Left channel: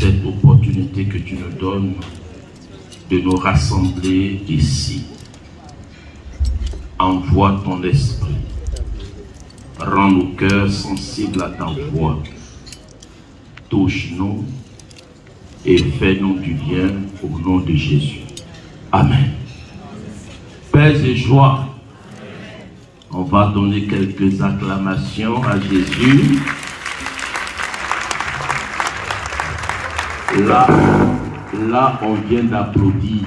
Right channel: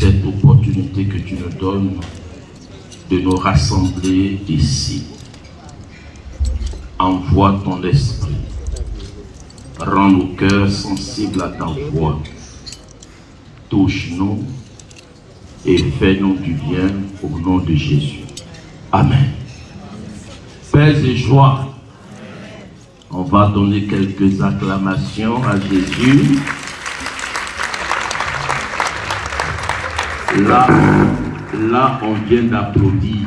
cette opportunité que tu nous donnes de nous rassembler ici. Envoie ton esprit. Rends nos cœurs sensibles à ta voix. Touche-nous et fais-nous du bien au nom de Jésus. Amen. Paix et joie. On va donner quelques acclamations à Jésus. Là, on vient d'applaudir.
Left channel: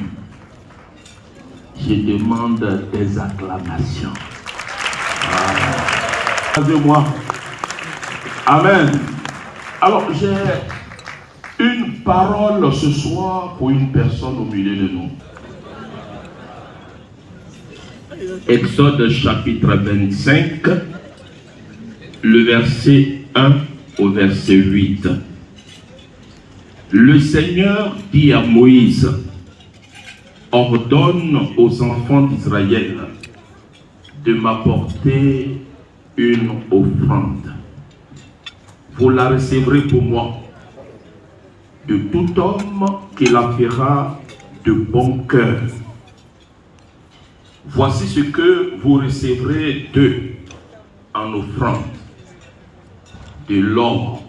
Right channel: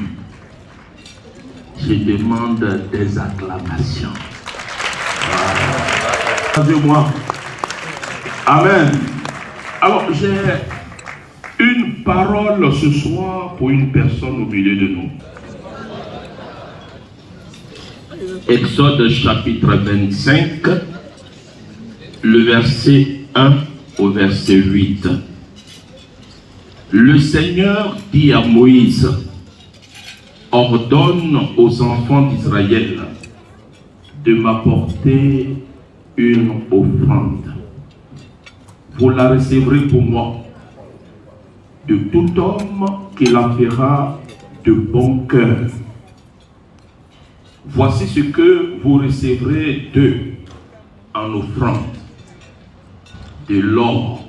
Je demande des acclamations. Regardez-moi. Amen. Alors, j'ai une parole ce soir pour une personne au milieu de nous. Exode chapitre 25, le verset 1 au verset 8. Le Seigneur dit à Moïse, ordonne aux enfants d'Israël de m'apporter une offrande. Vous la recevrez pour moi, de tout homme qui la fera de bon cœur. Voici ce que vous recevrez d'eux en offrande: de l'or,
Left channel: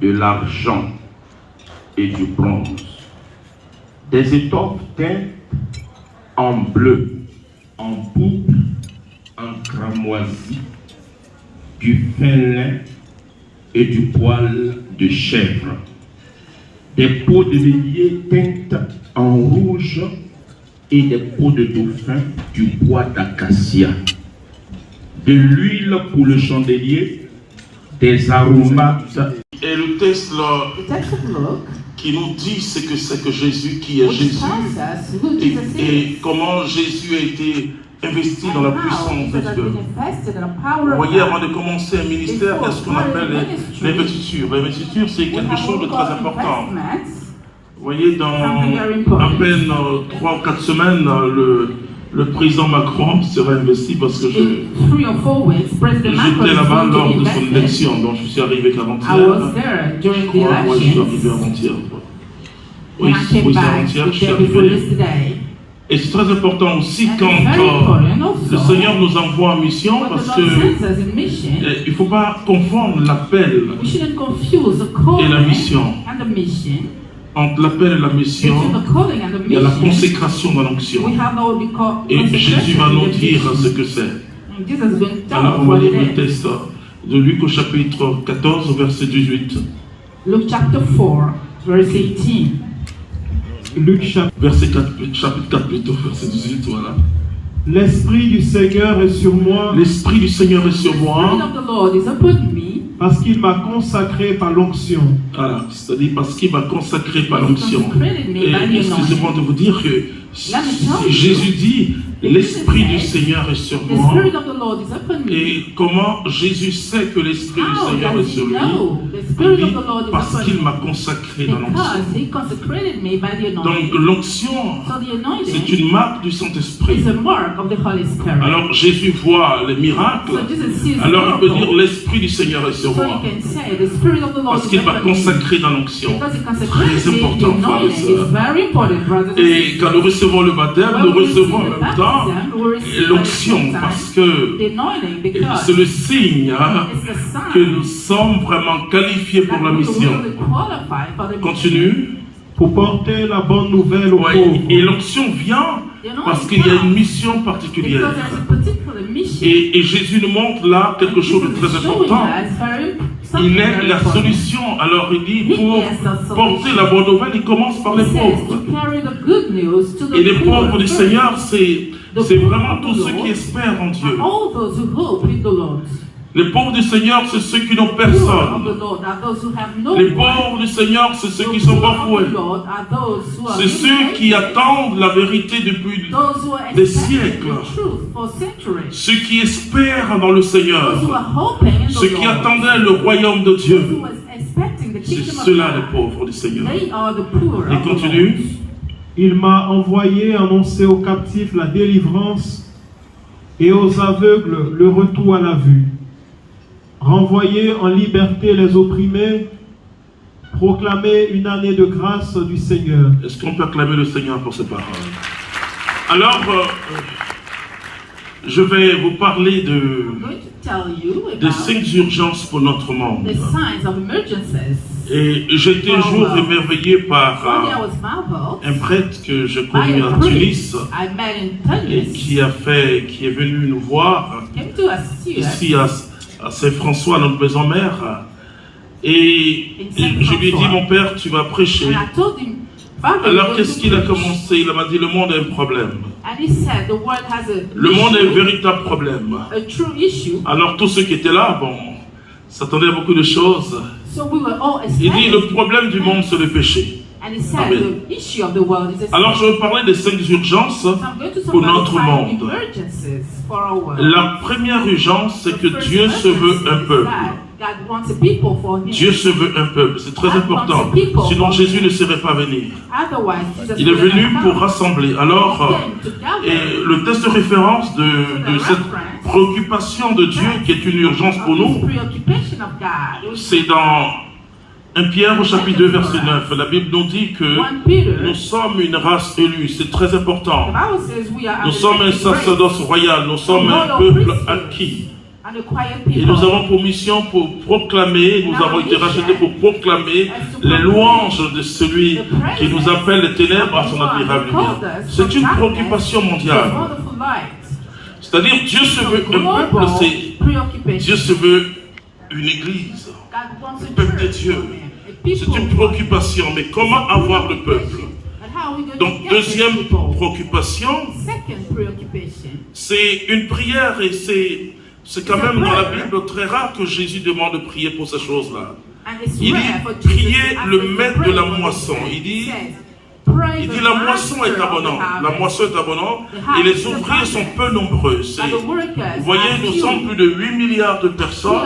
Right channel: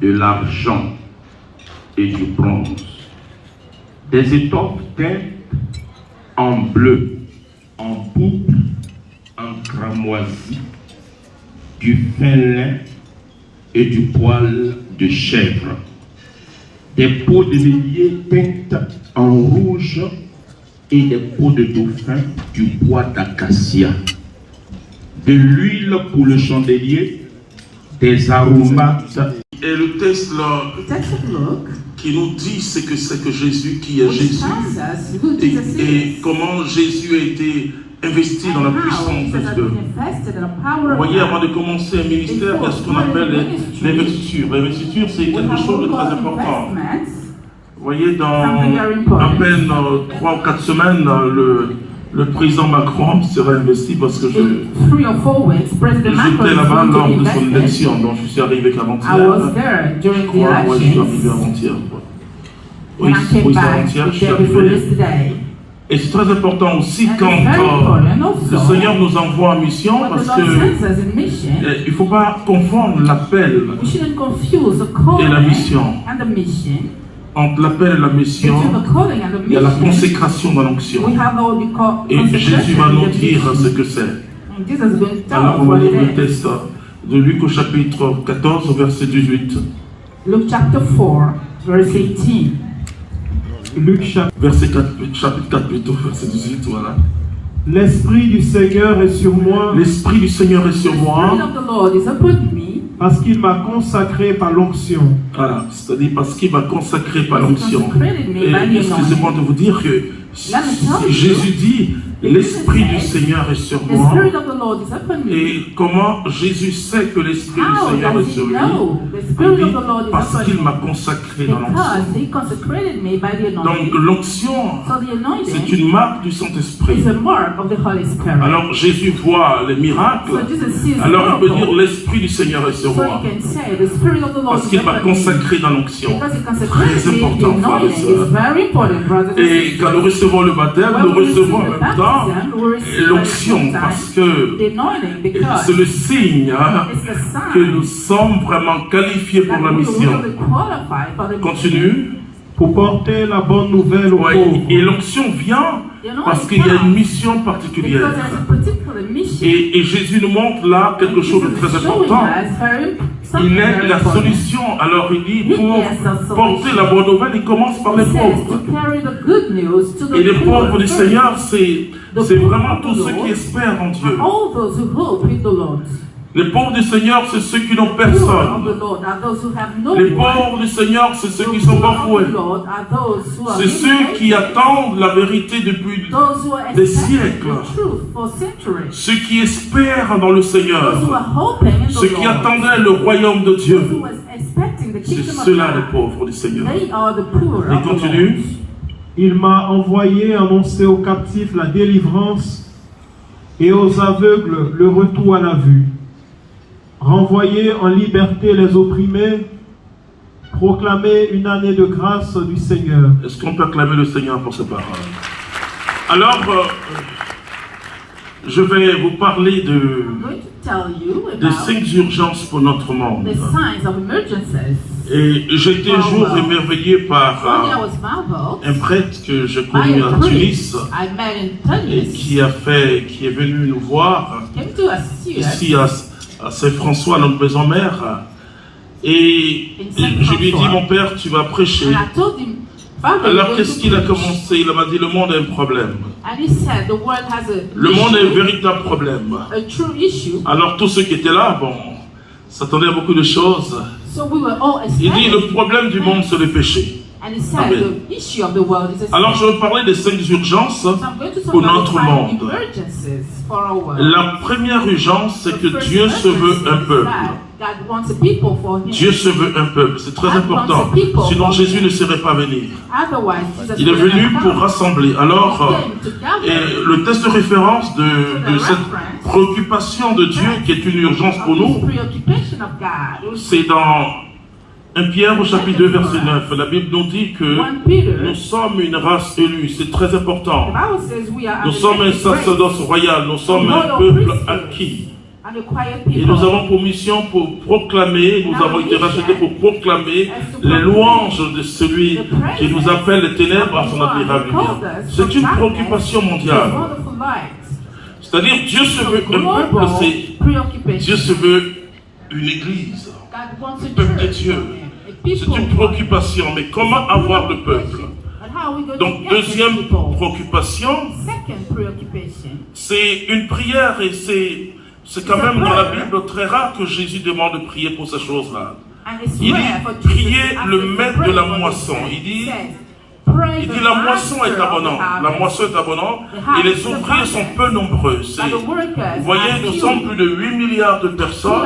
de l'argent et du bronze, des étoffes teintes en bleu, en pourpre, en cramoisi, du fin lin et du poil de chèvre, des peaux de bélier teintes en rouge et des peaux de dauphin du bois d'acacia, de l'huile pour le chandelier, des aromates. Et le texte là, qui nous dit ce que c'est que Jésus, qui est Jésus, et comment Jésus a été investi dans la puissance de Dieu. Vous voyez, avant de commencer un ministère, il y a ce qu'on appelle les investitures. Les investitures, c'est quelque chose de très important. Vous voyez, dans à peine 3 ou 4 semaines, le président Macron sera investi parce que j'étais là-bas lors de son élection, donc je suis arrivé qu'avant-hier. Je crois, moi je suis arrivé avant-hier. Oui, avant-hier, je suis arrivé. Et c'est très important aussi quand le Seigneur nous envoie en mission, parce que il ne faut pas confondre l'appel et la mission. Entre l'appel et la mission, il y a la consécration dans l'onction. Et Jésus va nous dire ce que c'est. Alors on va lire le texte de Luc au chapitre 14, verset 18. Luke chapter 4, verse 18. Luc chapitre 4 plutôt, verset 18, voilà. L'Esprit du Seigneur est sur moi. L'Esprit du Seigneur est sur moi. Parce qu'il m'a consacré par l'onction. Voilà, c'est-à-dire parce qu'il m'a consacré par l'onction. Et excusez-moi de vous dire que Jésus dit, l'Esprit du Seigneur est sur moi. Et comment Jésus sait que l'Esprit du Seigneur est sur lui? Il dit, parce qu'il m'a consacré dans l'onction. Donc l'onction, c'est une marque du Saint-Esprit. Alors Jésus voit les miracles. Alors il peut dire, l'Esprit du Seigneur est sur moi. Parce qu'il m'a consacré dans l'onction. Très important, frère et sœur. Et quand nous recevons le baptême, nous recevons en même temps l'onction, parce que c'est le signe que nous sommes vraiment qualifiés pour la mission. Continue. Pour porter la bonne nouvelle aux pauvres. Et l'onction vient parce qu'il y a une mission particulière. Et Jésus nous montre là quelque chose de très important. Il est la solution. Alors il dit, pour porter la bonne nouvelle, il commence par les pauvres. Et les pauvres du Seigneur, c'est vraiment tous ceux qui espèrent en Dieu. Les pauvres du Seigneur, c'est ceux qui n'ont personne. Les pauvres du Seigneur, c'est ceux qui sont bafoués. C'est ceux qui attendent la vérité depuis des siècles. Ceux qui espèrent dans le Seigneur. Ceux qui attendaient le royaume de Dieu. C'est ceux-là les pauvres du Seigneur. Et continue. Il m'a envoyé annoncer aux captifs la délivrance et aux aveugles le retour à la vue. Renvoyer en liberté les opprimés, proclamer une année de grâce du Seigneur. Est-ce qu'on peut acclamer le Seigneur pour ses paroles? Alors, je vais vous parler I'm going to tell you des about 5 urgences pour notre monde. the signs of emergencies. Et j'ai été un jour émerveillé par One day I was marveled un prêtre que je by connais a à Tunis priest I met in et Tunis. qui est venu nous voir Came to us here. ici à Saint-François, à notre maison mère. Et je lui ai dit, mon père, tu vas prêcher. And I told him, Father, you're Alors going qu'est-ce to qu'il a preach. commencé? Il m'a dit, le monde a un problème. And he said the world has Le monde a un issue, véritable problème. a true issue. Alors tous ceux qui étaient là, bon, s'attendaient à beaucoup de choses. So we were all Il dit, le expecting. problème du monde, c'est le péché. And he said Amen. the issue of the world is a Alors je vais parler des 5 urgences So I'm going to talk pour about notre 5 monde. emergencies for our world. La première urgence, c'est que The first Dieu se veut emergency un is peuple. that God wants a people for him. Dieu se veut un peuple, c'est très God important. wants a people. Sinon Jésus ne serait pas venu. Otherwise, Jesus Il est would venu not pour come. rassembler. Alors, He came together. et le texte de référence de cette préoccupation de Dieu qui est une urgence pour Of this nous, preoccupation of God. c'est dans 1 Pierre au chapitre 2 verset 9. La Bible nous dit que 1 Peter, nous sommes une race élue, c'est très important. the Bible says we are Nous sommes un sacerdoce royal, nous sommes un peuple acquis. and a quiet Et nous people. avons pour mission pour proclamer, nous avons été rachetés pour proclamer les louanges de celui qui nous appelle les ténèbres à son admirable lumière. C'est une préoccupation It's a mondiale. wonderful light. C'est-à-dire Dieu se veut un peuple, Global c'est preoccupation. Dieu se veut une église. God wants a peuple de church Dieu. for him, a C'est people une for him. préoccupation, mais comment avoir le peuple? And how are we going Donc to get these deuxième people? préoccupation, Second preoccupation. c'est une prière et c'est quand même dans la Bible très rare que Jésus demande de prier pour ces choses-là. And it's Il rare dit, for Jesus priez to ask le us to maître pray de la for moisson. this. Il dit, He says, pray Il the dit la moisson master est of the abondante, la harvest. moisson est abondante et les ouvriers sont peu nombreux. Vous voyez, nous sommes plus de 8 milliards de personnes,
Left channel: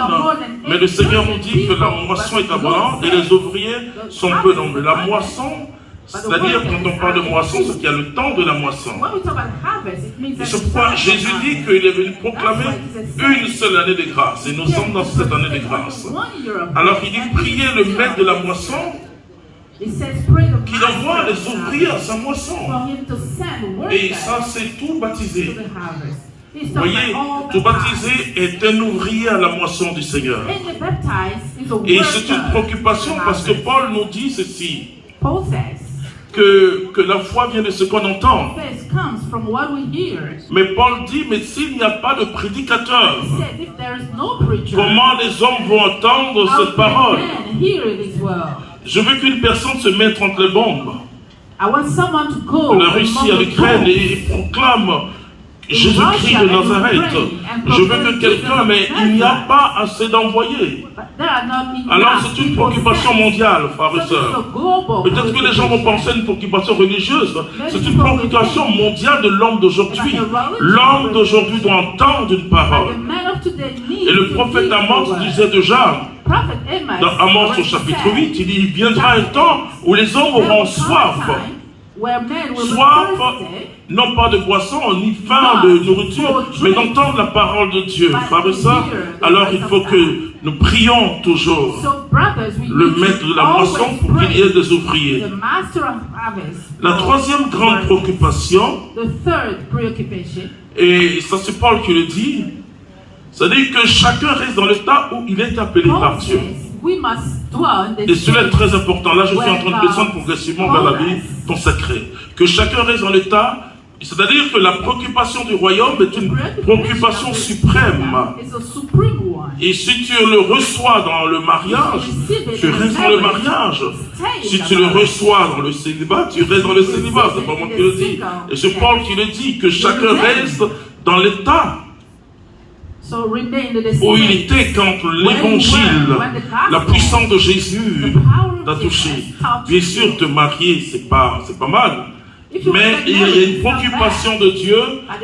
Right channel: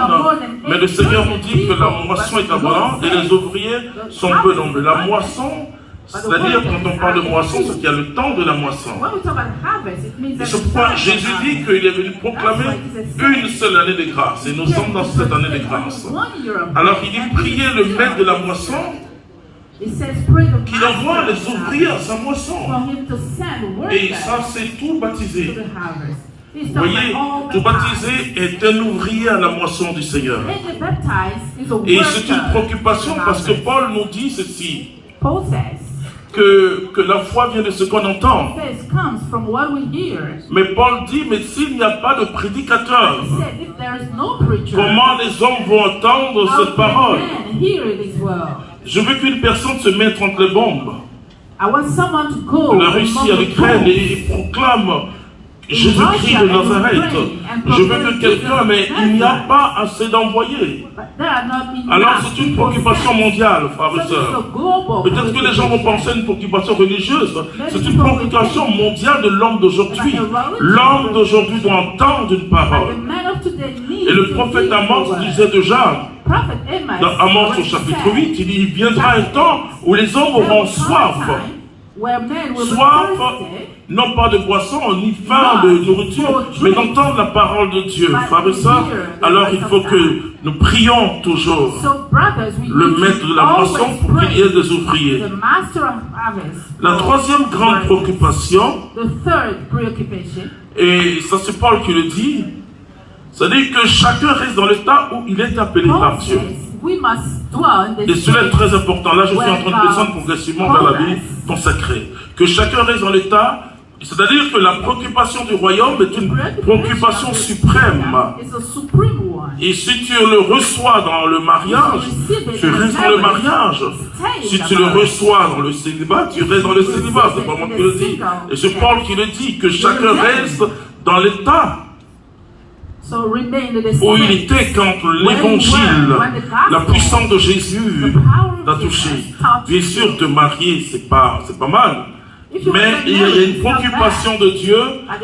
mais le Seigneur nous dit que la moisson est abondante et les ouvriers sont peu nombreux. La moisson, c'est-à-dire quand on parle de moisson, c'est qu'il y a le temps de la moisson. When we talk about harvest, it means Et that ce it's point, time Jésus for dit harvest. qu'il est venu proclamer une seule année de grâce et nous sommes dans cette année de grâce. 1 year of Alors il dit, priez le maître de la moisson It says, pray the qu'il envoie les ouvriers à sa moisson. for him to send Et workers ça, c'est tout to baptisé. the harvest. He's Vous talking voyez, about all tout the baptisé est un ouvrier à la moisson du Seigneur. And the baptized is a Et worker c'est une préoccupation to the parce que harvest. Paul nous dit ceci, Paul says, que la foi vient de ce qu'on entend. faith comes from what we hear. Mais Paul dit, mais s'il n'y a pas de prédicateur, He said, if there is no preacher, comment les hommes vont entendre how cette parole? can men hear it as well? Je veux qu'une personne se mette entre les bombes, I want someone to go la Russie among à the l'Ukraine Poles. et proclame Jésus-Christ de Nazareth. Je veux que quelqu'un, mais il n'y a pas assez d'envoyés. But there are not enough Alors c'est une people préoccupation sent. mondiale, frères So et it's a sœurs. global Peut-être que les gens vont penser à une préoccupation religieuse. C'est une préoccupation mondiale de l'homme d'aujourd'hui. L'homme d'aujourd'hui doit entendre une But parole. the man of today needs Et le to prophète hear the Amos word. disait déjà, Prophet Amos dans Amos au already chapitre said, 8, il dit, il viendra un temps où les hommes auront soif. where men will be Soif, thirsty, non pas de boisson, ni faim de nourriture, mais d'entendre la parole de Dieu. Frères et sœurs, alors il faut que nous prions toujours so brothers, we le need maître to de la moisson always pour qu'il y ait pray. des ouvriers. The master of harvest. La troisième grande préoccupation, The third preoccupation. et ça c'est Paul qui le dit, c'est-à-dire que chacun reste dans l'état où il est appelé Paul par Dieu. says we must dwell in Et this cela est state. très important. Là, je suis en train de descendre progressivement vers la vie consacrée. Que chacun reste dans l'état, c'est-à-dire que la préoccupation du royaume est une préoccupation suprême. It's a supreme one. Et si tu le reçois dans le mariage, tu restes dans le mariage. Si tu le reçois dans le célibat, tu restes dans le célibat. C'est pas moi qui le dis. Et c'est Paul qui le dit, que chacun reste dans l'état So remain in the où il state. était quand l'évangile, la puissance de Jésus t'a touché. Bien sûr, te marier, c'est pas mal. Mais il y a une préoccupation de Dieu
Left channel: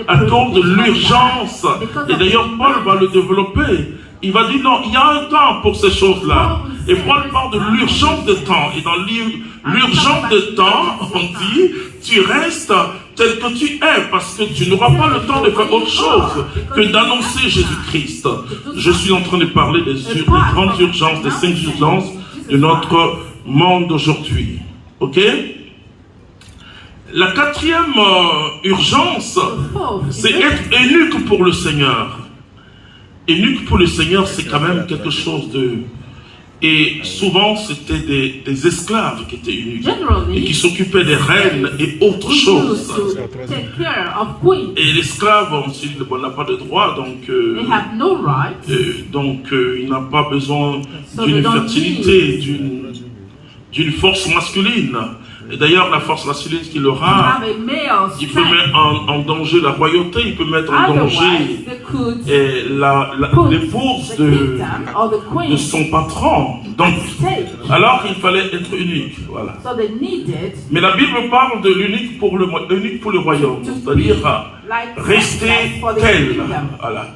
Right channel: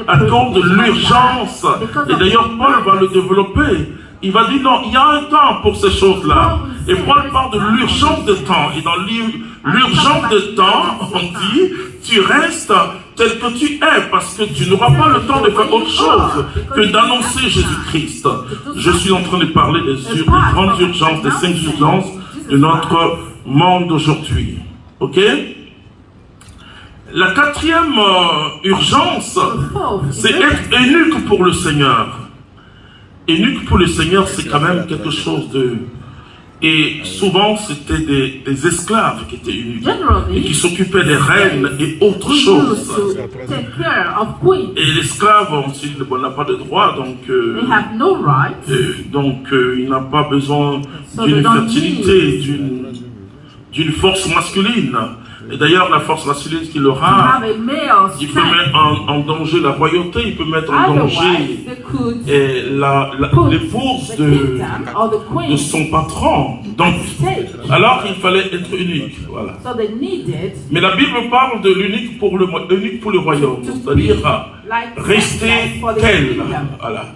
à cause de l'urgence. Et d'ailleurs, Paul va le développer. Il va dire non, il y a un temps pour ces choses-là. Et Paul parle de l'urgence de temps. Et dans l'urgence de temps, on dit, tu restes tel que tu es, parce que tu n'auras pas le temps de faire autre chose que d'annoncer Jésus-Christ. Je suis en train de parler des grandes urgences, des 5 urgences de notre monde d'aujourd'hui. Ok? La quatrième urgence, c'est être eunuque pour le Seigneur. Eunuque pour le Seigneur, c'est quand même quelque chose de... Et souvent, c'était des esclaves qui étaient eunuques et qui s'occupaient des reines et autres choses. Et l'esclave, ensuite, n'a pas de droit, donc il n'a pas besoin d'une fertilité, d'une force masculine. Et d'ailleurs, la force masculine qu'il aura, il peut mettre en danger la royauté, il peut mettre en danger l'épouse de son patron. Donc, alors il fallait être unique. Voilà. Mais la Bible parle de l'unique pour le royaume, c'est-à-dire rester tel. Voilà.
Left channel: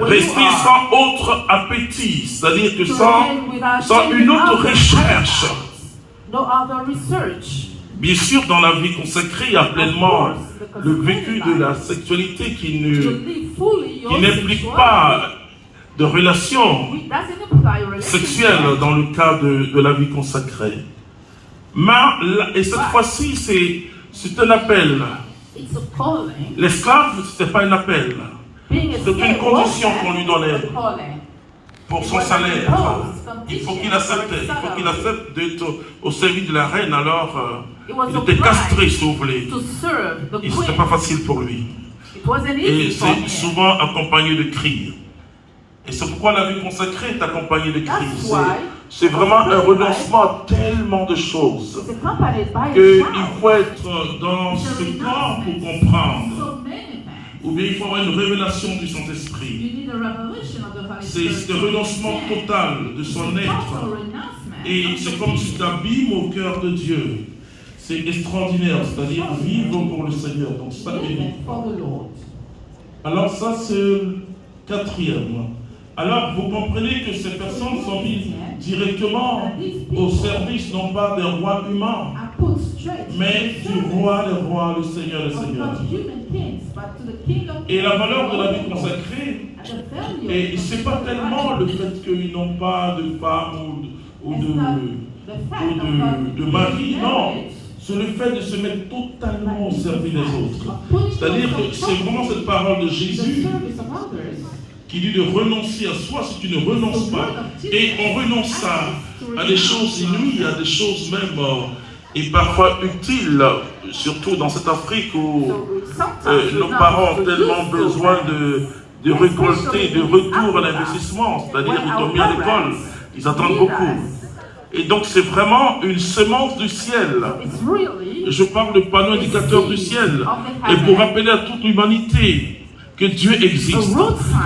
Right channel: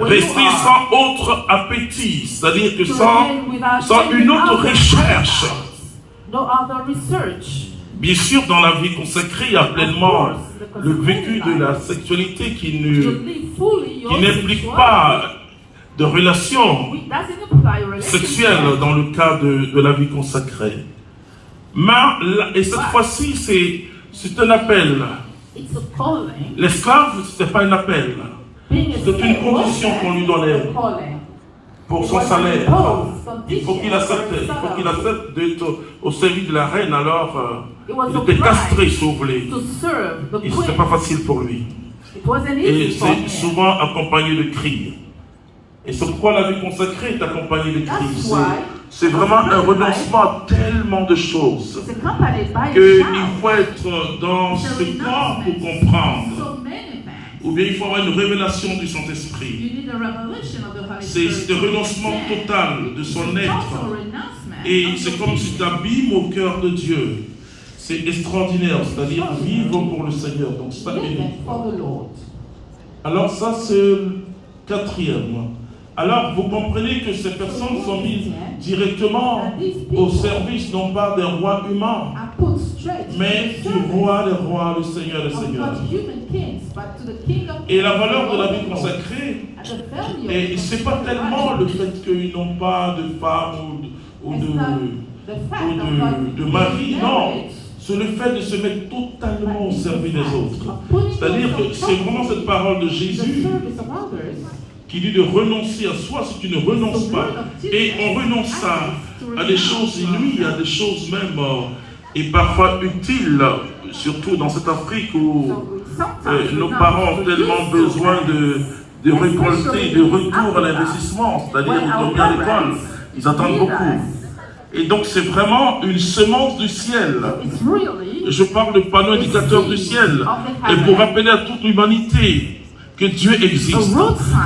Rester sans autre appétit, c'est-à-dire que sans une autre recherche. Bien sûr, dans la vie consacrée, il y a pleinement le vécu de la sexualité qui n'implique pas de relation sexuelle dans le cas de la vie consacrée. Et cette fois-ci, c'est un appel. L'esclave, ce n'était pas un appel. C'était une condition qu'on lui donnait pour son salaire. Il faut qu'il accepte d'être au service de la reine, alors il était castré, si vous voulez. Et ce n'était pas facile pour lui. Et c'est souvent accompagné de cris. Et c'est pourquoi la vie consacrée est accompagnée de cris. C'est vraiment un renoncement à tellement de choses qu'il faut être dans ce corps pour comprendre. Ou bien il faut avoir une révélation du Saint-Esprit. C'est ce renoncement total de son être. Et c'est comme si tu abîmes au cœur de Dieu. C'est extraordinaire, c'est-à-dire vivre pour le Seigneur. Donc ça alors ça c'est le quatrième. Alors vous comprenez que ces personnes sont mises directement au service non pas des rois humains, mais du roi des rois, le Seigneur des seigneurs. Et la valeur de la vie consacrée, et ce n'est pas tellement le fait qu'ils n'ont pas de femme ou de mari, non. C'est le fait de se mettre totalement au service des autres. C'est-à-dire que c'est vraiment cette parole de Jésus qui dit de renoncer à soi si tu ne renonces pas. Et on renonce à des choses inouïes, à des choses même et parfois utiles, surtout dans cette Afrique où nos parents ont tellement besoin de récolter, de retour à l'investissement, c'est-à-dire ils ont mis à l'école, ils attendent beaucoup. Et donc c'est vraiment une semence du ciel. Je parle de panneau indicateur du ciel. Et pour rappeler à toute l'humanité que Dieu existe.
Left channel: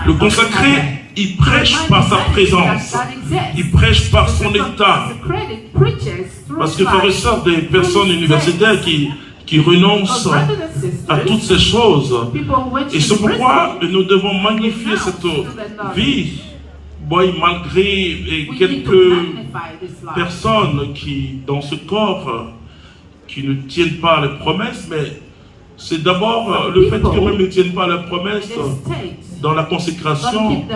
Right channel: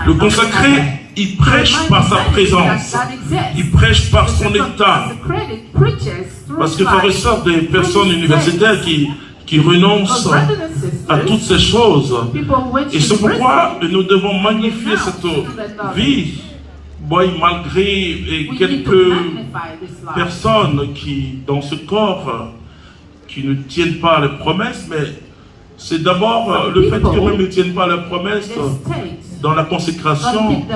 Le consacré, il prêche par sa présence. Il prêche par son état. Parce que ça ressort des personnes universitaires qui renoncent à toutes ces choses. Et c'est pourquoi nous devons magnifier cette vie. Malgré quelques personnes qui, dans ce corps, qui ne tiennent pas à les promesses, mais c'est d'abord le fait qu'eux ne tiennent pas à la promesse. Dans la consécration,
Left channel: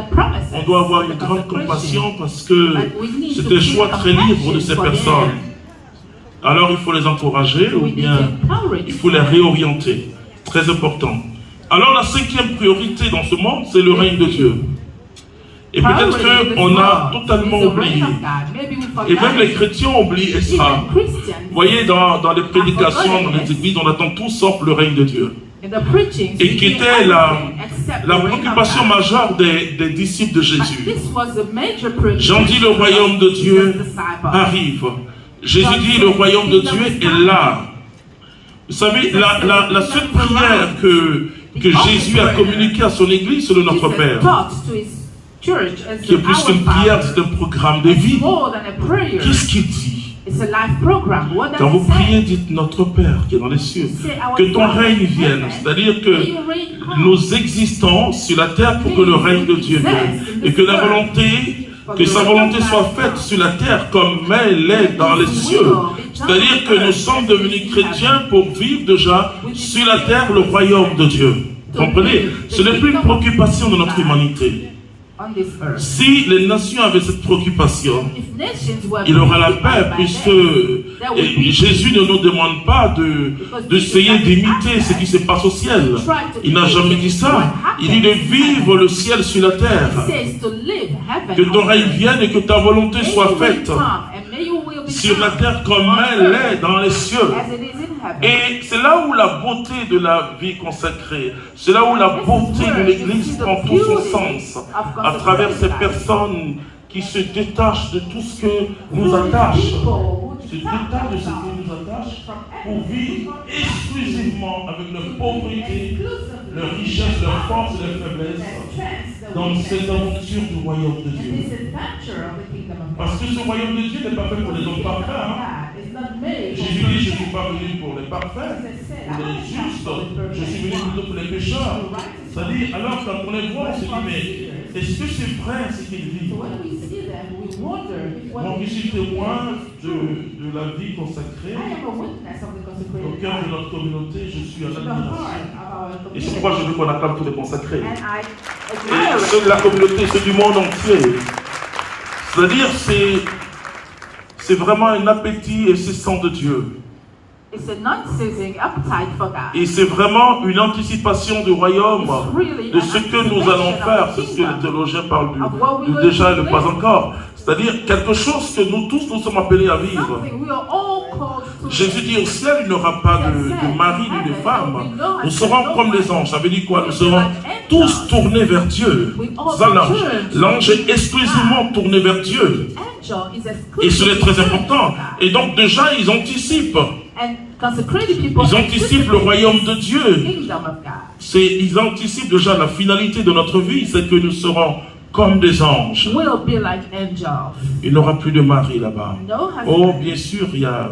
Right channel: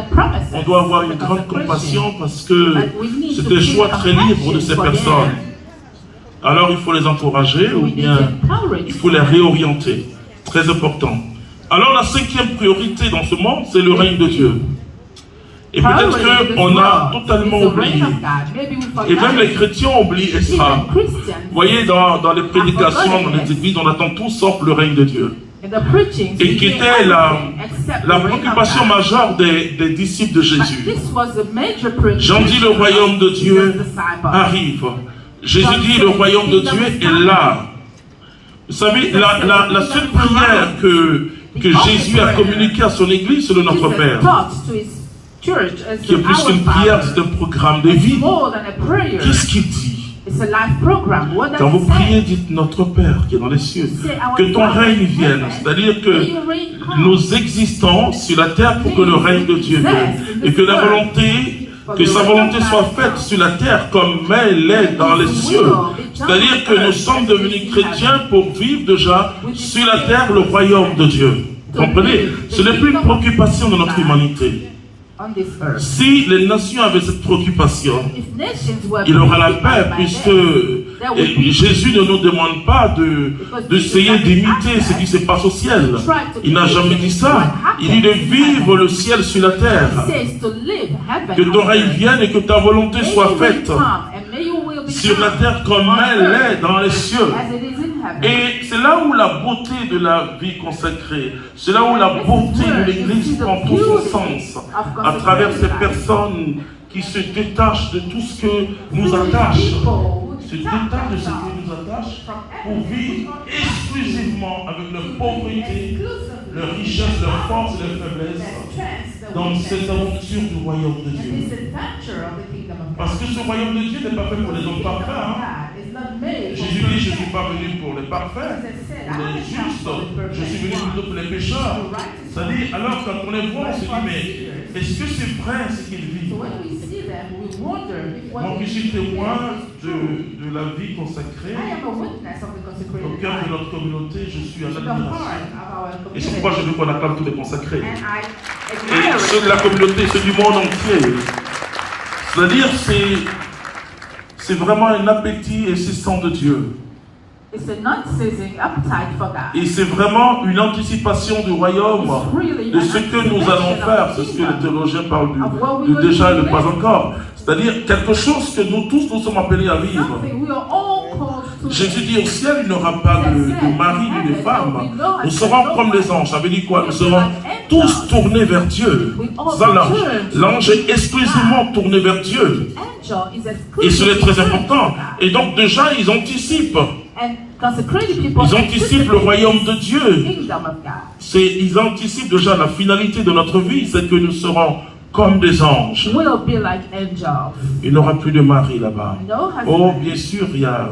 on doit avoir une grande compassion parce que c'est un choix très libre de ces personnes. Alors il faut les encourager ou bien il faut les réorienter. Très important. Alors la cinquième priorité dans ce monde, c'est le règne de Dieu. Et peut-être qu'on a totalement oublié. Et même les chrétiens ont oublié ça. Vous voyez, dans les prédications, dans les églises, on attend tout sauf le règne de Dieu. Et qui était la préoccupation majeure des disciples de Jésus. Jean dit le royaume de Dieu arrive. Jésus dit le royaume de Dieu est là. Vous savez, la seule prière que Jésus a communiquée à son église, c'est le Notre Père. Qui est plus qu'une prière, c'est un programme de vie. Qu'est-ce qu'il dit? Quand vous priez, dites Notre Père qui est dans les cieux, que ton règne vienne. C'est-à-dire que nous existons sur la terre pour que le règne de Dieu vienne. Et que sa volonté soit faite sur la terre comme elle est dans les cieux. C'est-à-dire que nous sommes devenus chrétiens pour vivre déjà sur la terre le royaume de Dieu. Vous comprenez? Ce n'est plus une préoccupation de notre humanité. on this earth. Si les nations avaient cette préoccupation, If nations were il aura la paix, preoccupied by puisque death, there would be Jésus ne nous demande pas d'essayer d'imiter ce qui se passe au ciel. Il n'a jamais dit ça. Il dit de vivre le ciel sur la terre. It says to live heaven Que ton on règne earth. vienne et que ta volonté May soit your will faite come, and may your will be sur la done terre comme on elle earth est dans les cieux. as it is in heaven. Et c'est là où la beauté de la vie consacrée, c'est là où la beauté de l'Église prend tout son sens, à travers ces personnes qui se détachent de tout ce que nous attache, se détachent de ce qui nous attache pour vivre exclusivement avec leur pauvreté, leur richesse, leur force et leur faiblesse dans cette aventure du royaume de Dieu. Parce que ce royaume de Dieu n'est pas fait pour les hommes parfaits. Jésus dit, je ne suis pas venu pour les parfaits, pour les justes, je suis venu plutôt pour les pécheurs. C'est-à-dire, alors quand on les voit, on se dit, mais est-ce que c'est vrai ce qu'ils vivent? Donc je suis témoin de la vie consacrée au cœur de notre communauté, je suis en admiration. Et c'est pourquoi je veux qu'on acclame tous les consacrés. Et c'est de la communauté, c'est du monde entier. C'est-à-dire, c'est vraiment un appétit incessant de Dieu. It's a non-ceasing appetite for God. Et c'est vraiment une anticipation du royaume, de ce que nous allons faire. C'est ce que les théologiens parlent du déjà et du pas encore. C'est-à-dire quelque chose que nous tous nous sommes appelés à vivre. Something we are all called to Jésus dit au ciel, il n'y aura pas de mari ni de femme. Nous serons comme les anges. Ça veut dire quoi? Nous serons tous tournés vers Dieu. Ça, l'ange est exclusivement tourné vers Dieu. angel is Et c'est exclusively très important. Et donc déjà, ils anticipent. and consecrated people Ils anticipent le royaume de the Dieu. kingdom of God. Ils anticipent déjà la finalité de notre vie, c'est que nous serons comme des anges. Will be like angels. Il n'y aura plus de mari là-bas. No husband. Oh, bien sûr, il y a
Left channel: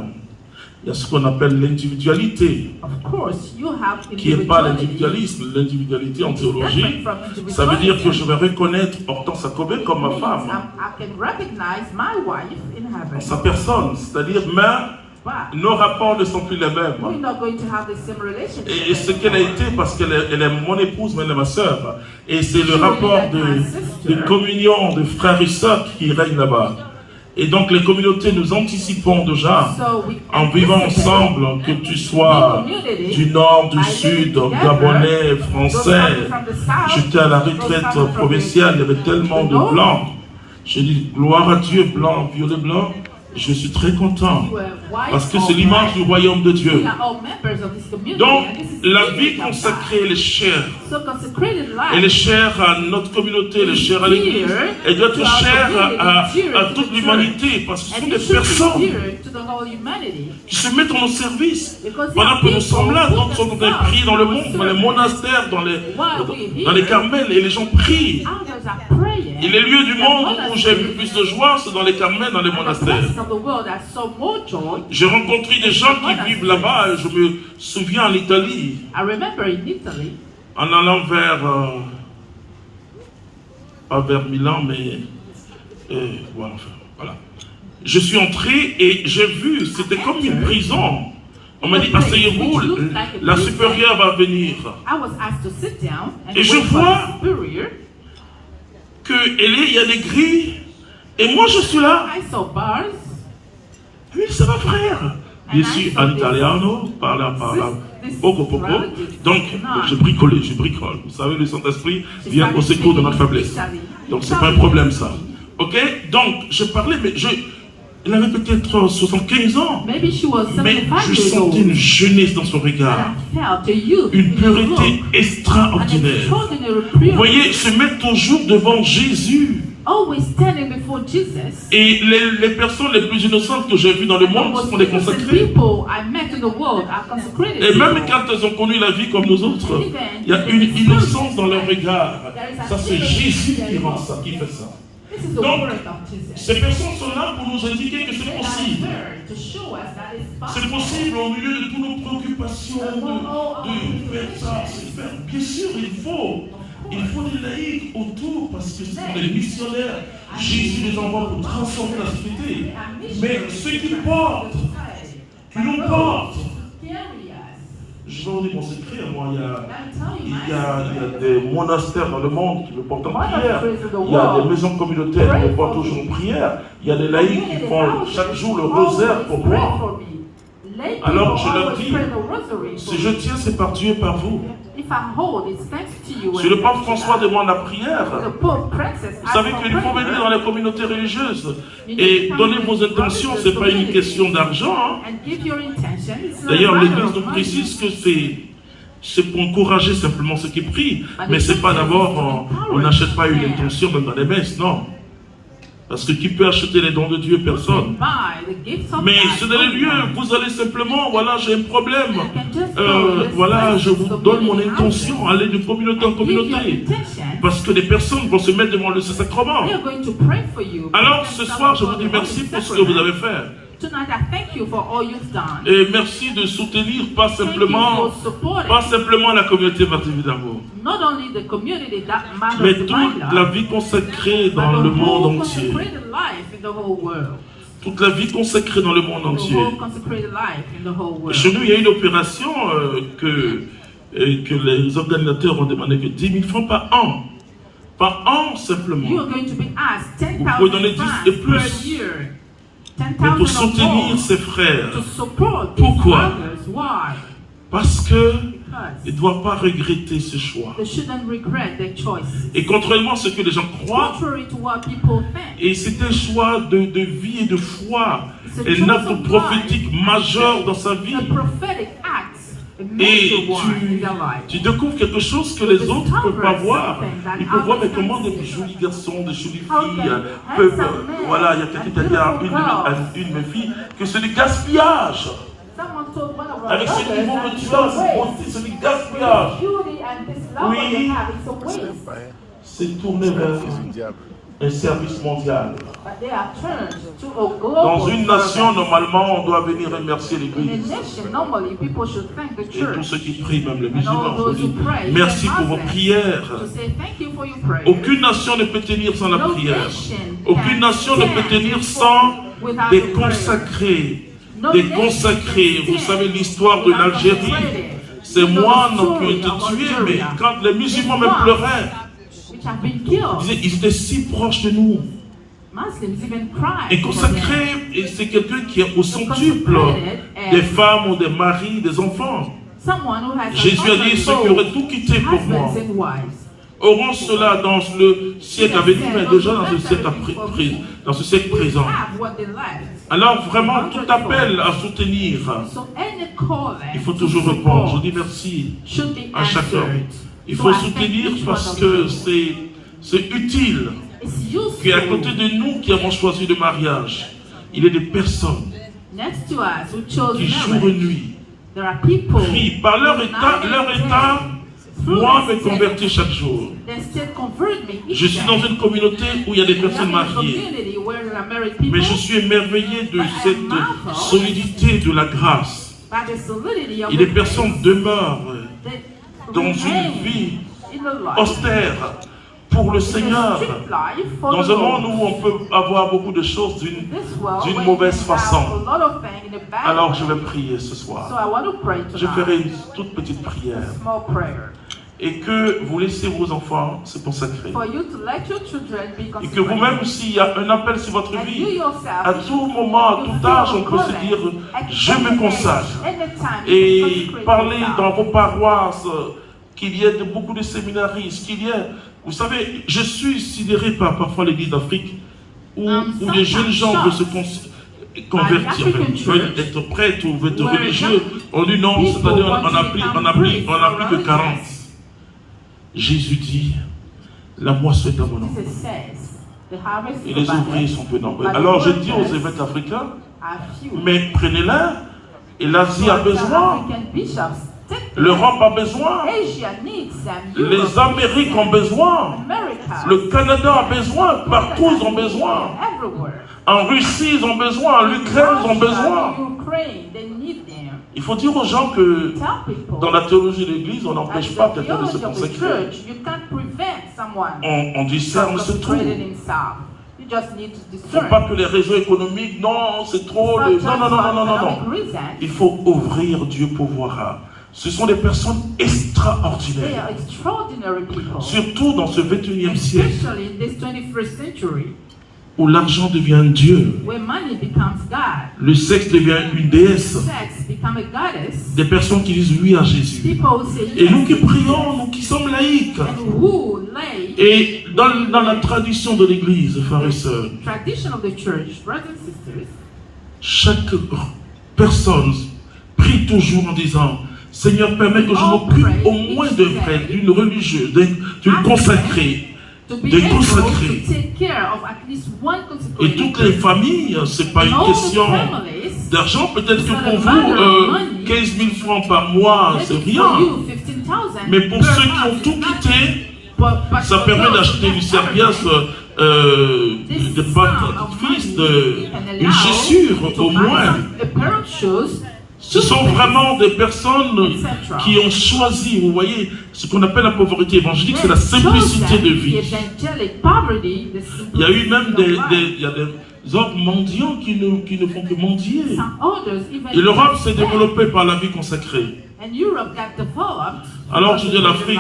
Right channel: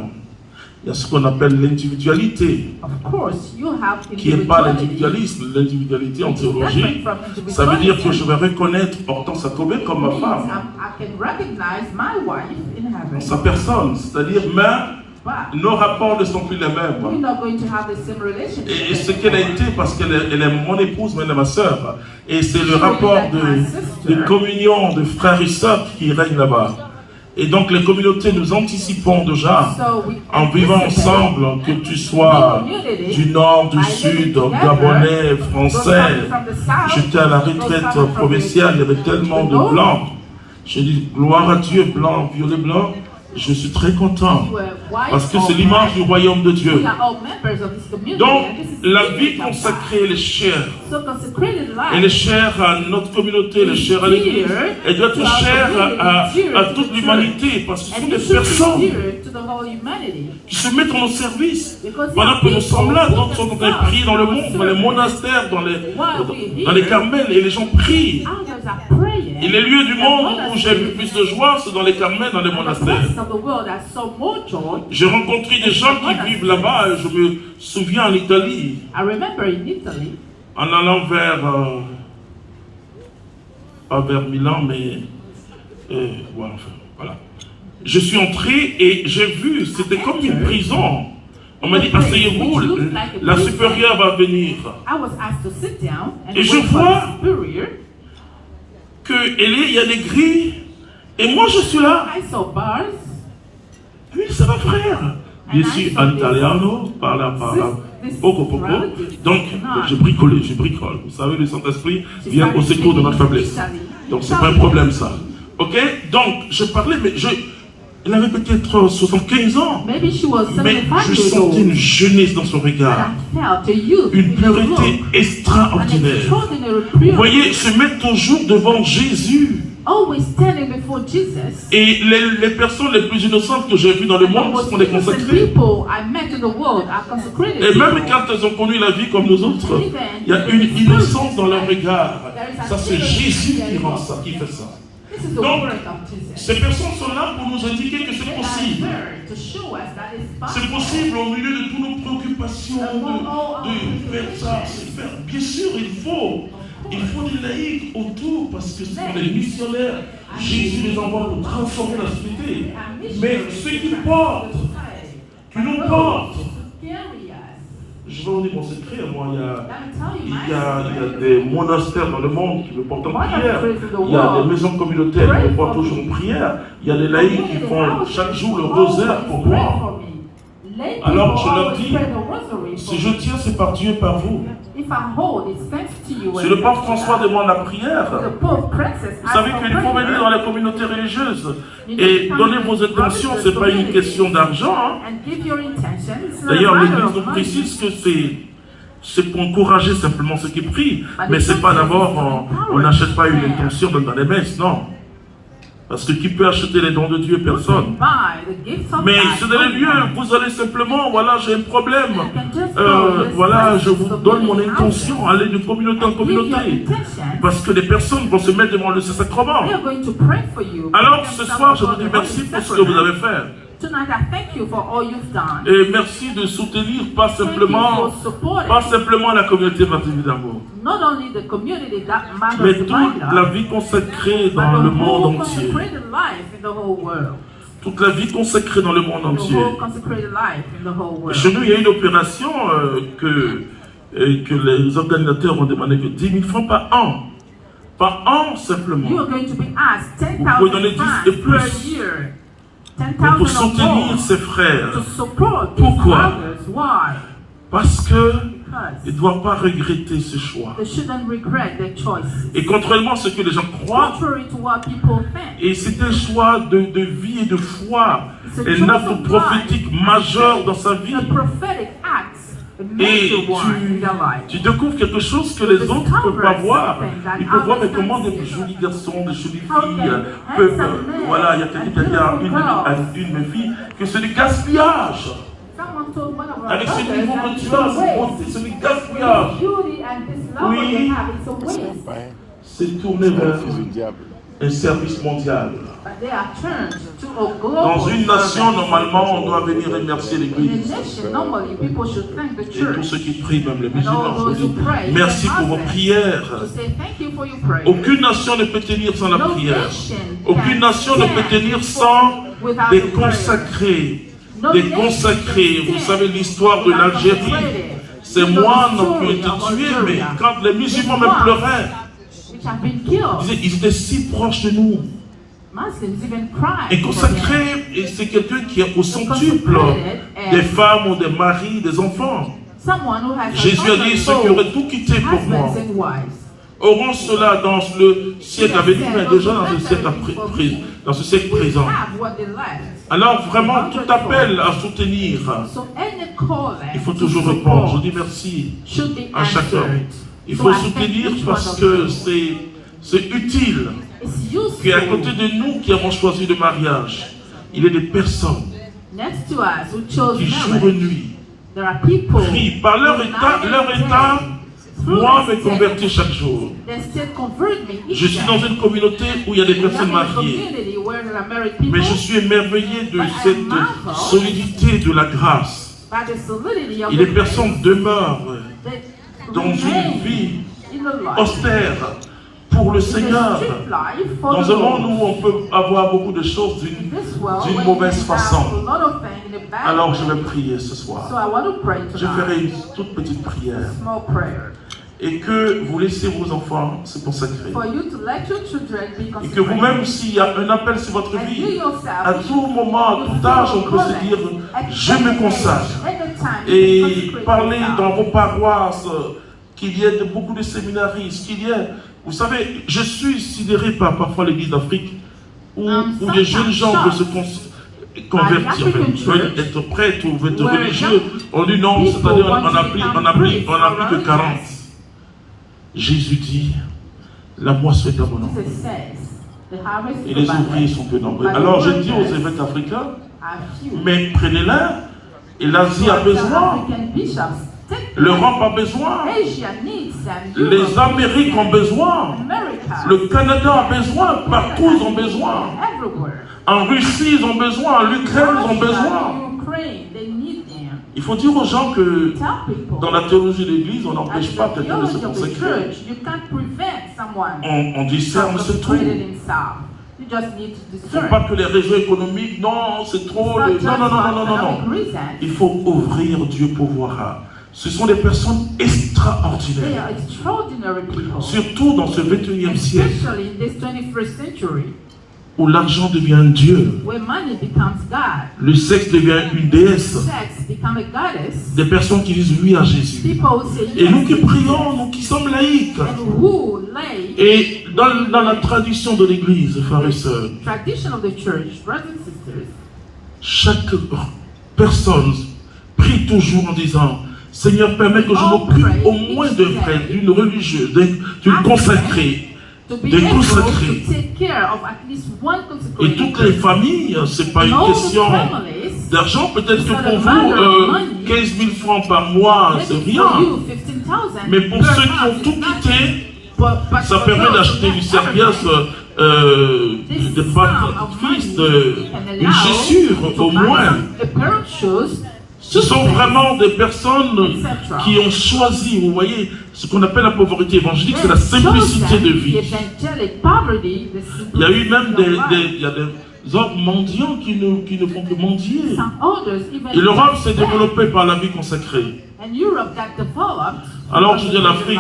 ce qu'on appelle l'individualité, Of course, you have qui n'est pas individuality. l'individualisme. L'individualité en théologie, Different from individuality. ça veut dire que je vais reconnaître Hortense Akobé comme ma femme, I can recognize my wife in heaven, sa personne. C'est-à-dire, mais but nos rapports ne sont plus les we're mêmes. not going to have the same relationship. Et ce qu'elle a été, parce qu'elle est mon épouse, mais elle est ma sœur. Et c'est le rapport de communion, de frères et sœurs qui règne là-bas. Et donc les communautés, nous anticipons déjà, So we en vivant ensemble, que tu sois du nord, du sud, gabonais, français. J'étais à la retraite provinciale, il y avait tellement de blancs. J'ai dit, gloire à Dieu, blanc, violet, blanc. Je suis très content, parce que c'est l'image du royaume de Dieu. We are all members of this community. Donc, and this is la the vie kingdom of God. consacrée, elle est chère. So consecrated life. Elle est chère à notre communauté, elle est chère à l'Église. Elle doit être chère à toute l'humanité, parce que ce sont And des it should be personnes dear to the whole humanity. qui se mettent en nos services. Pendant que nous sommes là, donc on prie dans le monde, dans les monastères, dans les carmels, et les gens prient. Others are praying. Et les lieux du monde où j'ai eu plus de joie, c'est dans les carmels, dans les The monastères. places of the world are so more joy. J'ai rencontré des gens qui vivent là-bas, et je me souviens en Italie, I remember in Italy, en allant pas vers Milan, mais voilà, enfin, voilà. Je suis entré et j'ai vu, c'était comme une prison. On m'a dit, asseyez-vous, la supérieure va venir. I was asked to sit down and Et je wait for vois the superior. Il y a des grilles, et moi je suis là. I saw bars. Oui, ça va frère. Je suis en italiano, parla, poco. Donc, je bricole. Vous savez, le Saint-Esprit vient au secours de ma faiblesse. Donc, c'est pas un problème, ça. Ok? Donc, je parlais, mais elle avait peut-être 75 ans. Maybe she was Mais 75 je years sentais old. une jeunesse dans son And regard. I felt a youth Une in her pureté look. An extraordinaire. extraordinary Vous purity. voyez, se mettre toujours devant Jésus. Always standing before Jesus. Et les personnes les plus innocentes que j'ai vues dans le monde sont des consacrés. People I met in the world are consecrated. Et même people. quand elles ont connu la vie comme nous autres, il y a une innocence dans leur regard. Ça, c'est Jésus qui rend ça, qui fait ça. This is the Donc, word of Jesus. ces personnes sont là pour nous indiquer que c'est possible. To show us that it's C'est possible au milieu de toutes nos préoccupations de faire ça, c'est faire. Bien sûr, il faut du laïc autour parce que ce sont des missionnaires. Jésus les envoie pour transformer la société. Mais ceux qui nous portent, je vais vous dire mon secret. Moi, il y a des monastères dans le monde qui me portent en prière. Il y a des maisons communautaires qui me portent toujours en prière. Il y a des laïcs qui font chaque jour le rosaire pour moi. Alors je leur dis, si je tiens, c'est par Dieu et par vous. Si le pape François demande la prière, vous savez qu'il faut venir dans les communautés religieuses et donner vos intentions, ce n'est pas une question d'argent. Hein. D'ailleurs, l'Église nous précise que c'est pour encourager simplement ceux qui prient, mais ce n'est pas d'abord, on n'achète pas une intention même dans les messes, non. Parce que qui peut acheter les dons de Dieu? Personne. Mais c'est dans les lieux, vous allez simplement, voilà, j'ai un problème. Voilà, je vous donne mon intention, allez de communauté en communauté. Parce que les personnes vont se mettre devant le Saint-Sacrement. Alors ce soir, je vous dis merci pour ce que vous avez fait. Et merci de soutenir pas simplement la communauté baptisée d'amour, mais toute la vie consacrée dans le monde entier. Toute la vie consacrée dans le monde entier. Chez nous, il y a une opération que les organisateurs ont demandé que 10 000 francs par an. Par an simplement. Vous pouvez donner 10 et plus. Pour soutenir ses frères. Pourquoi? Parce qu'ils ne doivent pas regretter ce choix. Et contrairement à ce que les gens croient, et c'est un choix de vie et de foi, un acte prophétique majeur dans sa vie. Et tu découvres quelque chose que les autres ne peuvent pas voir. Ils peuvent voir mais comment des jolis garçons, des jolies filles peuvent... Voilà, il y a quelqu'un qui a dit à une de mes filles que c'est du gaspillage. Avec ce niveau de classe, c'est du gaspillage. Oui, c'est tourné vers un service mondial. Dans une nation, normalement, on doit venir remercier l'Église. Et tous ceux qui prient, même les musulmans, merci pour vos prières. Aucune nation ne peut tenir sans la prière. Aucune nation ne peut tenir sans des consacrés. Des consacrés. Vous savez l'histoire de l'Algérie. Ces moines qui ont été tués, mais quand les musulmans me pleuraient, ils étaient si proches de nous. Et consacré, c'est quelqu'un qui est au centuple des femmes ou des maris, des enfants. Jésus a dit, ceux qui auraient tout quitté pour moi auront cela dans le siècle à venir, mais déjà dans ce siècle présent. Alors vraiment, tout appel à soutenir, il faut toujours répondre. Je dis merci à chacun. Il faut soutenir parce que c'est utile. Qu'à côté de nous qui avons choisi le mariage, il y a des personnes qui jour et nuit prient par leur état. Moi, me convertis chaque jour. Je suis dans une communauté où il y a des personnes mariées. Mais je suis émerveillé de cette solidité de la grâce. Et les personnes demeurent dans une vie austère pour le Seigneur. Dans un monde où on peut avoir beaucoup de choses d'une mauvaise façon. Alors je vais prier ce soir. Je ferai une toute petite prière. Et que vous laissez vos enfants se consacrer. Et que vous-même, s'il y a un appel sur votre vie, à tout moment, à tout âge, on peut se dire, je me consacre. Et parler dans vos paroisses, qu'il y ait beaucoup de séminaristes, qu'il y ait... Vous savez, je suis sidéré par parfois l'Église d'Afrique, où les jeunes gens veulent se convertir, veulent être prêtres ou veulent être religieux. On dit non, c'est-à-dire on n'a plus que 40. Jésus dit, la moisson est abondante. Et les ouvriers sont peu nombreux. Alors je dis aux évêques africains, mais prenez-la, et l'Asie a besoin. L'Europe a besoin. Les Amériques ont besoin. Le Canada a besoin. Partout ils ont besoin. En Russie ils ont besoin. En Ukraine ils ont besoin. Il faut dire aux gens que dans la théologie de l'Église, on n'empêche pas quelqu'un de se consacrer. On discerne, c'est tout. Il ne faut pas que les réseaux économiques, non, c'est trop. Non. Il faut ouvrir, Dieu pourvoira. Ce sont des personnes They extraordinaires. are extraordinary people. Surtout dans ce 21e siècle Especially in this 21st century, où l'argent devient un dieu, where money becomes God, le sexe devient une déesse. sex becomes a goddess. Des personnes qui disent oui à Jésus. People say Et nous qui yes, prions, nous qui sommes laïcs. and who lay Et dans la tradition de l'Église, frères et sœurs, tradition of the church, brothers and sisters, chaque personne prie toujours en disant Seigneur, permets que je m'occupe au moins d'un frère, d'une religieuse, d'une consacrée. to be De able consacrer. to take care of at least one Et consecrated toutes les familles, c'est pas And une all the question families, d'argent. Peut-être que it's not pour a vous, matter of money. 15 000 francs par mois, maybe c'est for rien. you, 15,000 Mais pour per ceux qui ont month, tout it's not- quitté, but ça for permet those d'acheter who une have serviette, this de sum pâte of fils, money can une allow chaussure to au buy moins. a pair of shoes. Ce sont vraiment des personnes Etc. qui ont choisi, vous voyez, ce qu'on appelle la pauvreté évangélique, c'est la Yes, simplicité shows de that vie. the evangelic poverty, the Il y a eu même simplicity of life. il y a des hommes mendiants qui ne font que mendier. Some others, even Et l'Europe s'est that. développée par la vie consacrée. And Europe got developed. Alors, je dis à l'Afrique,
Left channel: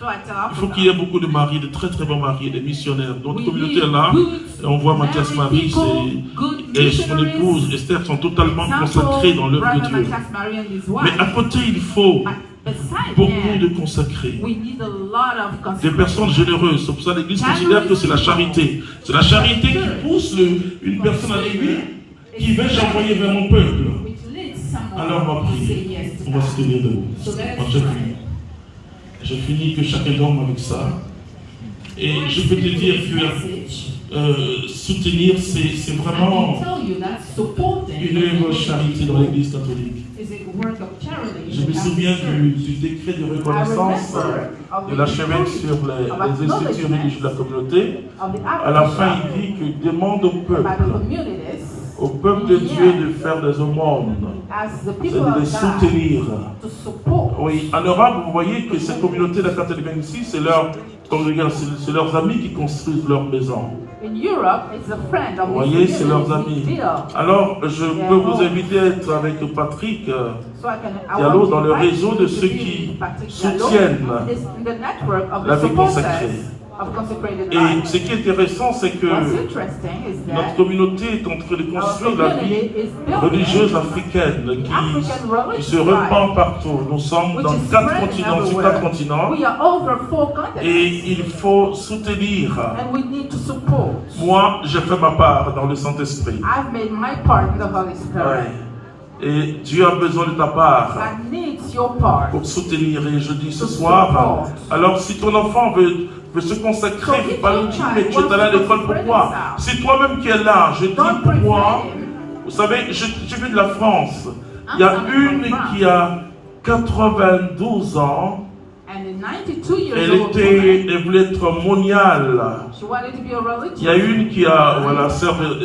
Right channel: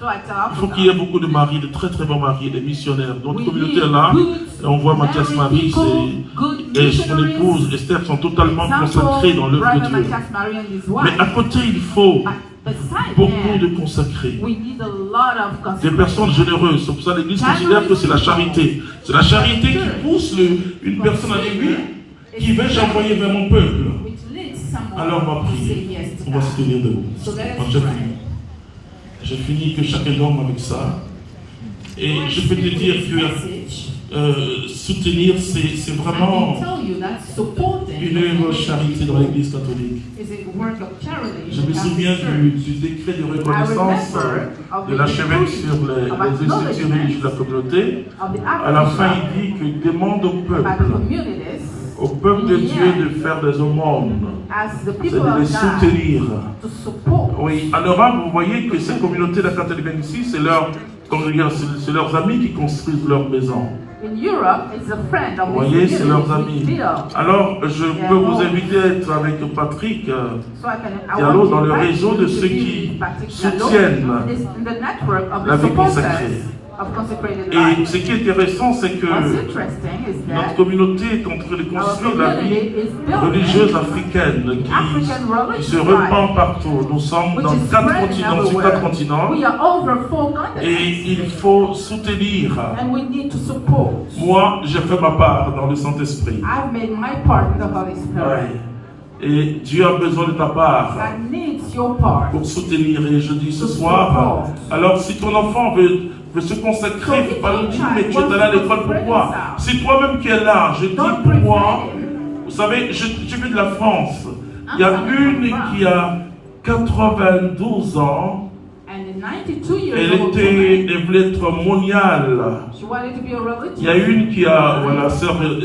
So I tell il faut Africa, qu'il y ait beaucoup de maris, de très très bons maris, des missionnaires. Notre we communauté need est là, good et on voit Mathias married Marie people, good et son missionaries. épouse Esther sont totalement consacrés dans l'œuvre de Brother Dieu. Matthias Marie and his Mais wife. à côté, il faut Beside beaucoup de them, consacrés. we need a lot of Des consecration. personnes généreuses. C'est pour ça que l'Église considère que c'est la charité. C'est la charité qui pousse une personne à dire oui, qui vais-je envoyer vers mon peuple. Which leads someone Alors on va to say prier. yes to On va God. se tenir debout. Je finis que chacun dorme avec ça. Et je peux te dire que soutenir, c'est vraiment une œuvre charité dans l'Église catholique. Je me souviens du décret de reconnaissance de l'archevêque sur les institutions religieuses de la communauté. À la fin, il dit que demande au peuple de Dieu de faire des aumônes, c'est de les soutenir. Oui, en Europe, vous voyez que ces communautés de la catholique ici, c'est leurs amis qui construisent leur maison. Vous voyez, c'est leurs amis. Alors, je peux vous inviter à être avec Patrick Diallo dans le réseau de ceux qui soutiennent la vie consacrée. Et ce qui est intéressant, c'est que notre communauté est en train de construire la vie religieuse africaine qui se répand partout. Nous sommes dans 4 continents, sur 4 continents, et il faut soutenir. Moi, j'ai fait ma part dans le Saint-Esprit. Et Dieu a besoin de ta part pour soutenir. Et je dis ce soir, alors si ton enfant veut se consacrer, il ne faut pas lui dire, mais tu es allé à l'école, pourquoi? Si toi-même qui es là, je dis pour moi, vous savez, je viens de la France. Il y a une qui a 92 ans. Elle voulait être moniale. Il y a une qui a, voilà,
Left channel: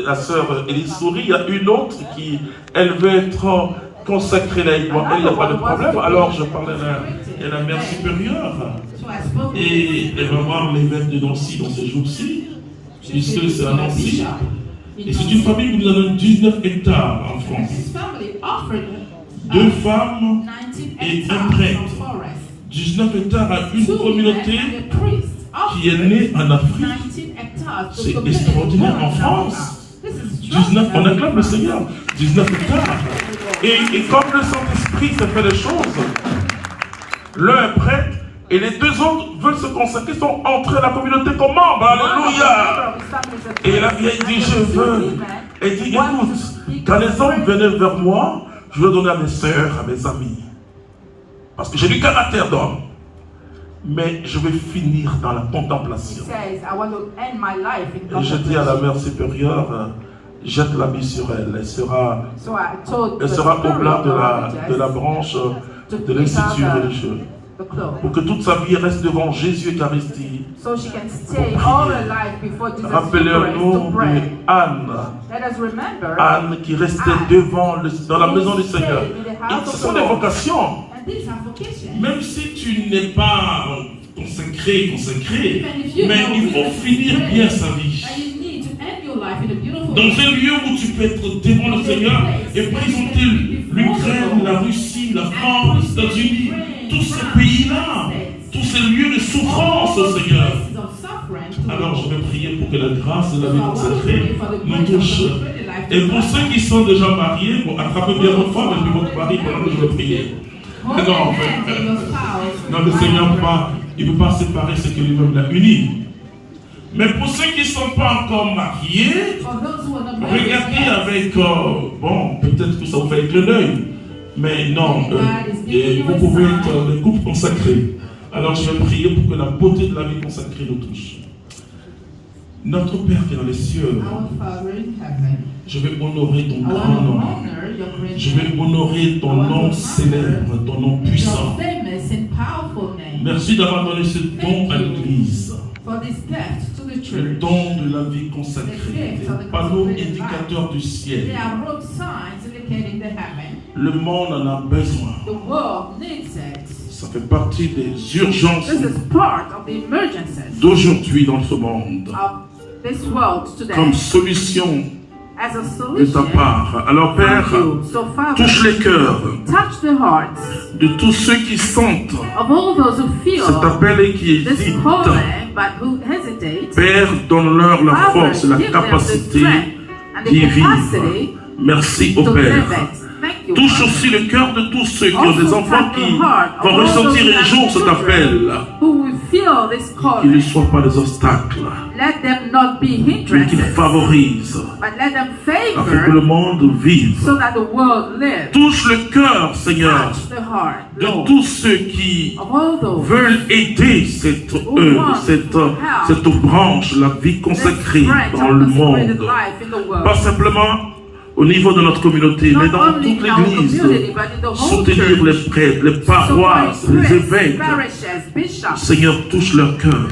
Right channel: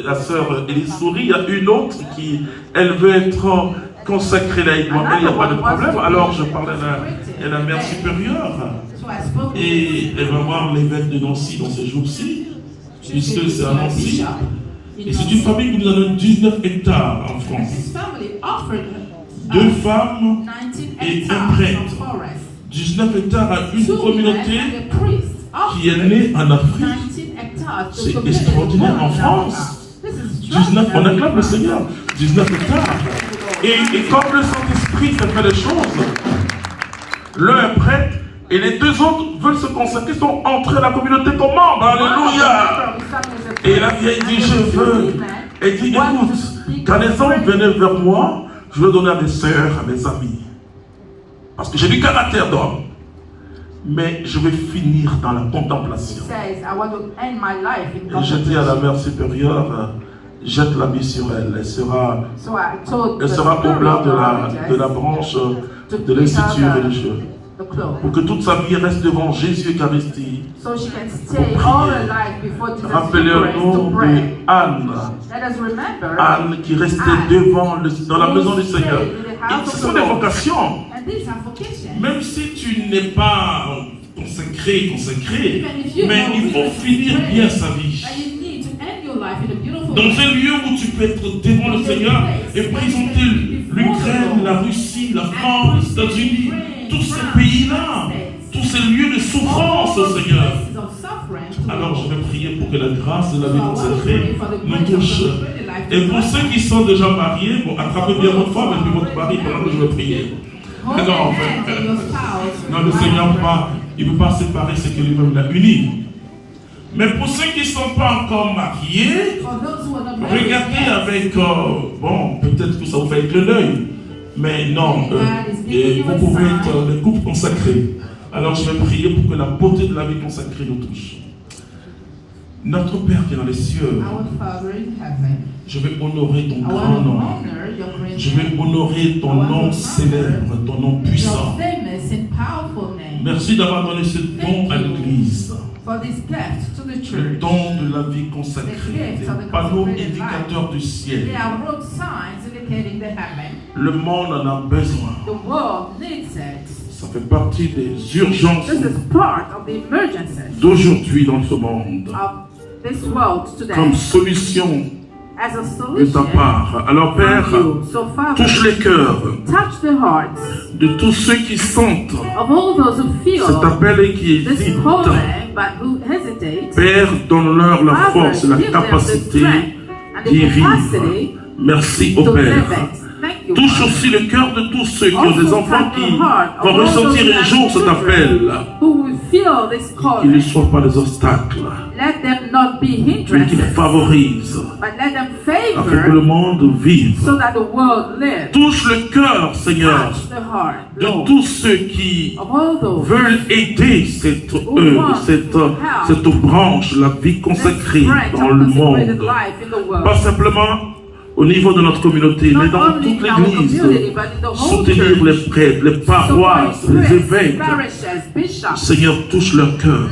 la sœur Élise Souris, il y a une autre qui, elle veut être consacrée laïquement. Elle, il n'y a pas de problème. Alors je parlais à la mère supérieure. Et elle va voir l'évêque de Nancy dans ces jours-ci, puisque c'est un ancien. Et c'est une famille qui nous a donné 19 hectares en France. 2 femmes et un prêtre. 19 hectares à une communauté qui est née en Afrique. C'est extraordinaire en France. 19, on acclame le Seigneur. 19 hectares. Et comme le Saint-Esprit fait les choses, l'un est prêtre et les 2 autres veulent se consacrer, sont entrés dans la communauté comme membres. Alléluia. Et la vieille dit, je veux. Elle dit, écoute, quand les hommes venaient vers moi, je veux donner à mes sœurs, à mes amis. Parce que j'ai du caractère d'homme. Mais je vais finir dans la contemplation. Et je dis à la mère supérieure, jette la vie sur elle. Elle sera au blanc de la branche de l'Institut religieux. Pour que toute sa vie reste devant Jésus Eucharistie. Rappelez-nous de Anne. Anne qui restait dans la maison du Seigneur. Et ce sont des vocations. Même si tu n'es pas consacré, mais il faut finir bien sa vie. Dans un lieu où tu peux être devant le Seigneur et présenter l'Ukraine, la Russie, la France, les États-Unis, grâce de la vie consacrée nous touche. Et pour ceux qui sont déjà mariés, bon, attrapez bien votre femme et puis votre mari pendant que je vais prier. Alors, non, le Seigneur il ne peut pas séparer ce que lui-même a uni. Mais pour ceux qui ne sont pas encore mariés, regardez avec, bon, peut-être que ça vous fait être l'œil, mais non, vous pouvez être des couples consacrés. Alors je vais prier pour que la beauté de la vie consacrée nous touche. Notre Père qui est dans les cieux, je vais honorer ton grand nom. Je vais honorer ton nom célèbre, ton nom puissant. Merci d'avoir donné ce don à l'Église. Le don de la vie consacrée, les panneaux indicateurs du ciel. Le monde en a besoin. Ça fait partie des urgences d'aujourd'hui dans ce monde. Comme solution de ta part. Alors Père, touche les cœurs de tous ceux qui sentent cet appel et qui hésitent. Père, donne-leur la force et la capacité d'y vivre. Merci au Père. Touche aussi le cœur de tous ceux qui ont des enfants qui vont ressentir un jour cet appel. Qu'ils ne soient pas des obstacles, mais qu'ils favorisent afin que le monde vive. Touche le cœur, Seigneur, de tous ceux qui veulent aider cette branche, la vie consacrée dans le monde. Pas simplement au niveau de notre communauté, mais dans toute l'Église, soutenir les prêtres, les paroisses, les évêques. Seigneur, touche leur cœur.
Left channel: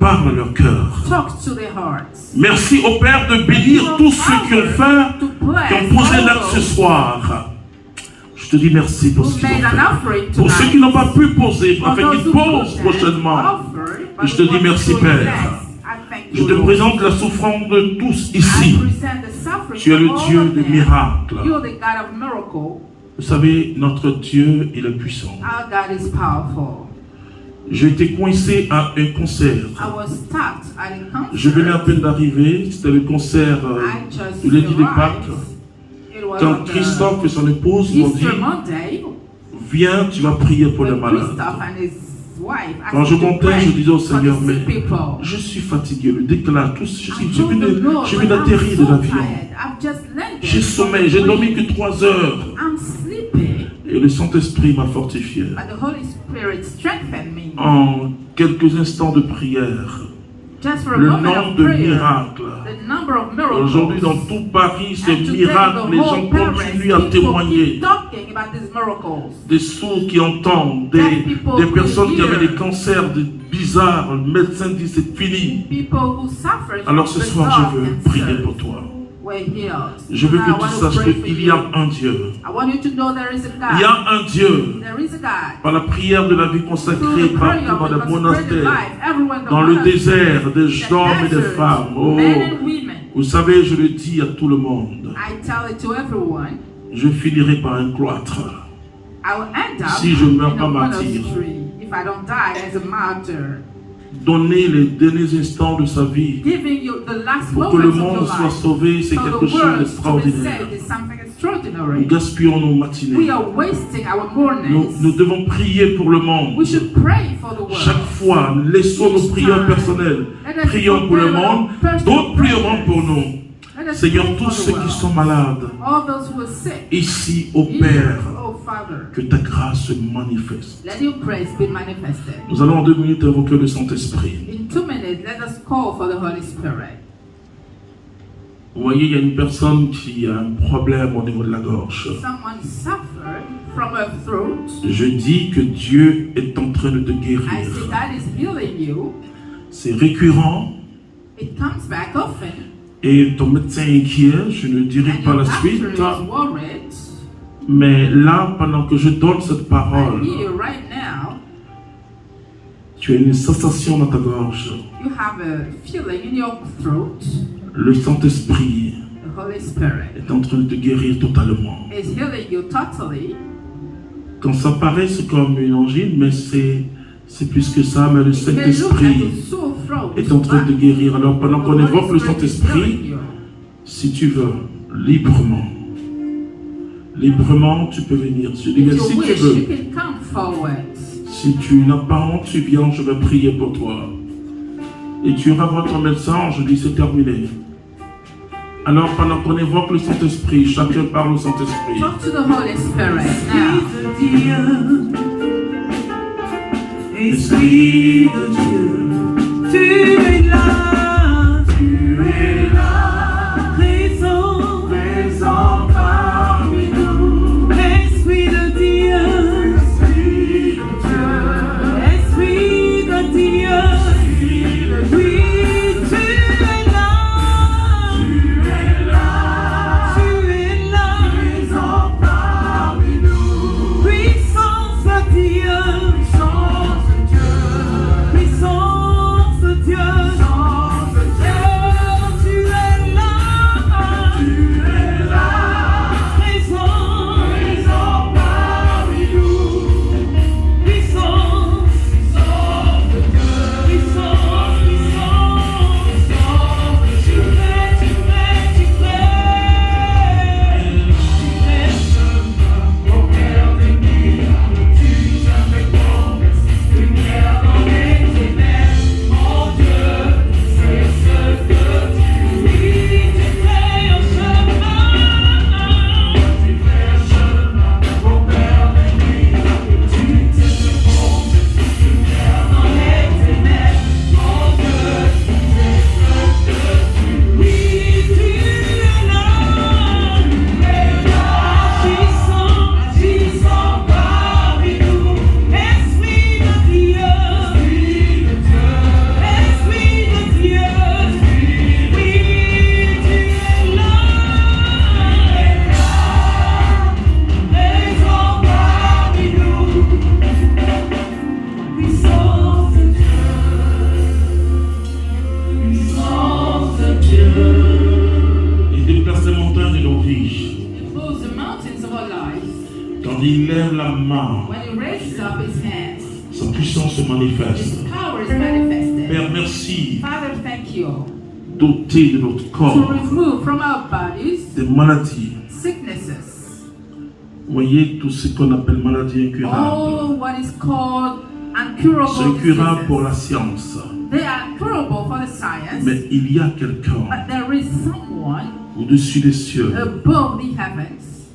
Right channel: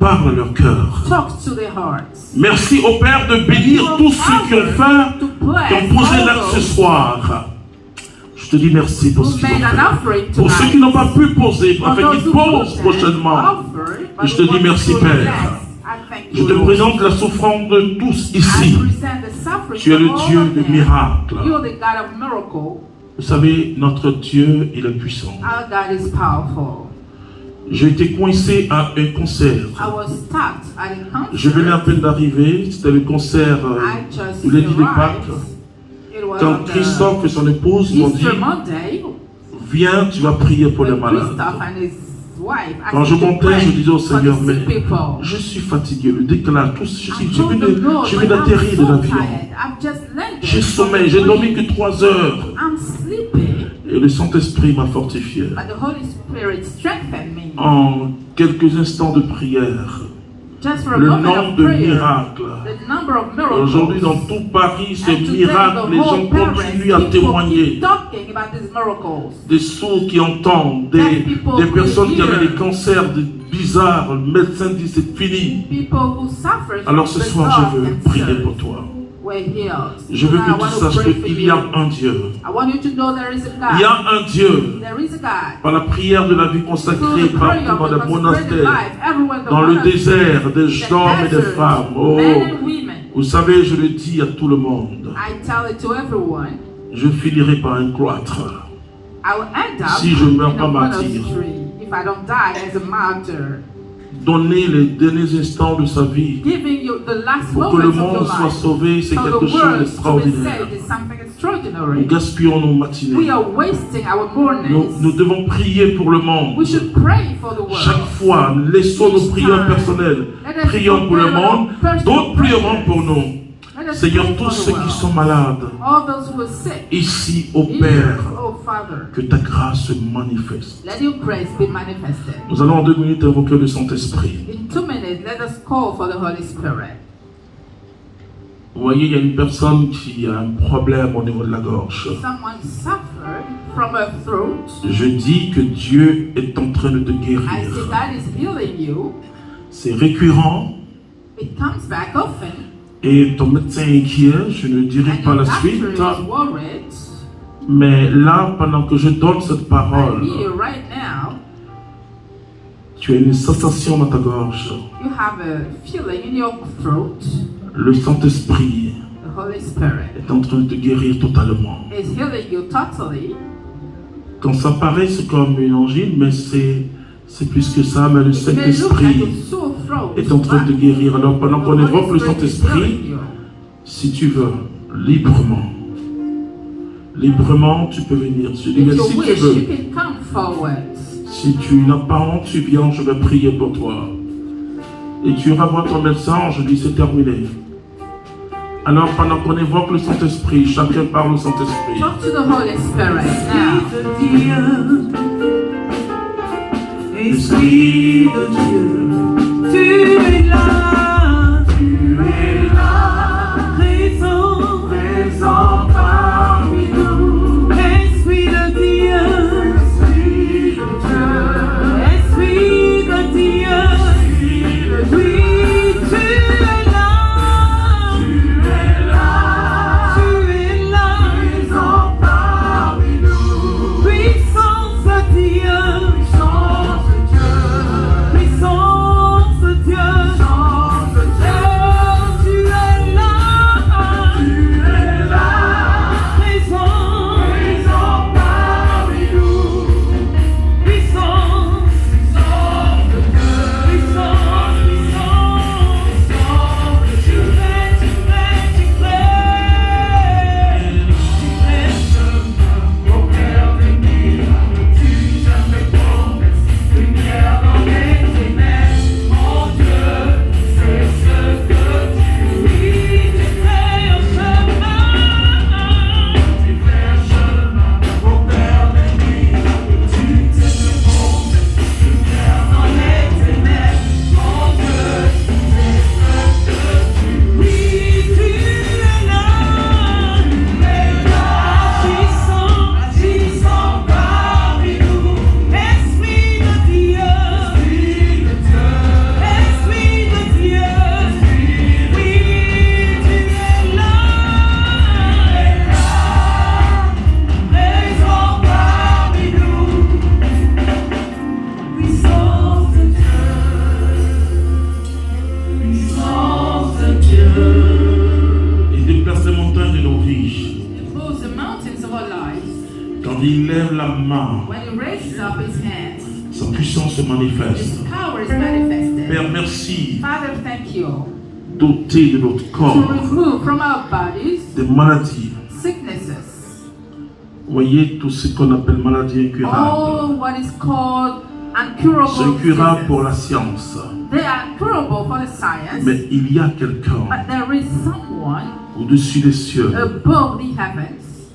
Parle leur cœur. Merci au Père de bénir tous ceux qui ont posé l'acte ce soir. Je te dis merci pour ce qu'ils ont fait. Pour ceux qui n'ont pas pu poser, afin qu'ils posent prochainement. Je te dis merci, Père. Je te présente la souffrance de tous ici. Tu es le Dieu de miracles. Vous savez, notre Dieu, il est puissant. J'ai été coincé à un concert. Je venais à peine d'arriver. C'était le concert où il est dit de Pâques. Quand Christophe et son épouse m'ont dit, viens, tu vas prier pour les malades. Quand je comptais, je disais au Seigneur, mais je suis fatigué. Le déclin, je viens d'atterrir de l'avion. J'ai sommeil, j'ai dormi que 3 heures. Et le Saint-Esprit m'a fortifié. En quelques instants de prière, le nombre de miracles. Aujourd'hui, dans tout Paris, ces miracles, les gens continuent à témoigner. Des sourds qui entendent, des personnes qui avaient des cancers bizarres, le médecin dit c'est fini. Alors ce soir, je veux prier pour toi. Je veux que tu saches qu'il y a un Dieu. Il y a un Dieu. Par la prière de la vie consacrée, partout dans les monastères, dans le désert, des hommes et des femmes. Oh, vous savez, je le dis à tout le monde. Je finirai par un cloître si je meurs pas martyr. Donner les derniers instants de sa vie pour que le monde soit sauvé, c'est quelque chose d'extraordinaire. Nous gaspillons nos matinées. Nous devons prier pour le monde. Chaque fois, laissons nos prières personnelles. Prions pour le monde, d'autres prieront pour nous. Seigneur, tous ceux qui sont malades, ici au Père, que ta grâce se manifeste. Nous allons en 2 minutes invoquer le Saint-Esprit. Vous voyez, il y a une personne qui a un problème au niveau de la gorge. Je dis que Dieu est en train de te guérir. C'est récurrent. Et ton médecin est inquiet, je ne dirai pas la suite. Mais là, pendant que je donne cette parole, tu as une sensation dans ta gorge. Le Saint-Esprit est en train de te guérir totalement. Quand ça paraît, c'est comme une angine, mais c'est plus que ça. Mais le Saint-Esprit est en train de guérir. Alors pendant qu'on évoque le Saint-Esprit, si tu veux, librement, tu peux venir. Si tu veux, si tu n'as pas honte, tu viens, je vais prier pour toi. Et tu iras voir ton médecin, je dis c'est terminé. Alors pendant qu'on évoque le Saint-Esprit, chacun parle au Saint-Esprit. Talk to the Holy Spirit now. Esprit de Dieu, tu es là, présent parmi nous. Esprit de Dieu, Esprit de Dieu, oui, tu es là, présent parmi nous. Puissance de Dieu, puissance de Dieu, tu es là, présent parmi nous. Puissance, tu fais. Il déplace les montagnes de nos vies. moves the mountains of our lives. Quand il lève la main, When he raises up his hands, sa puissance se manifeste. his power is manifested. Père, merci Father, thank you d'ôter de notre to corps remove from our bodies des maladies. sicknesses, Voyez tout ce qu'on appelle maladie incurable. all what is called incurable C'est incurable pour diseases. la science. They are incurable for the science, Mais il y a quelqu'un but there is someone au-dessus des cieux above the heavens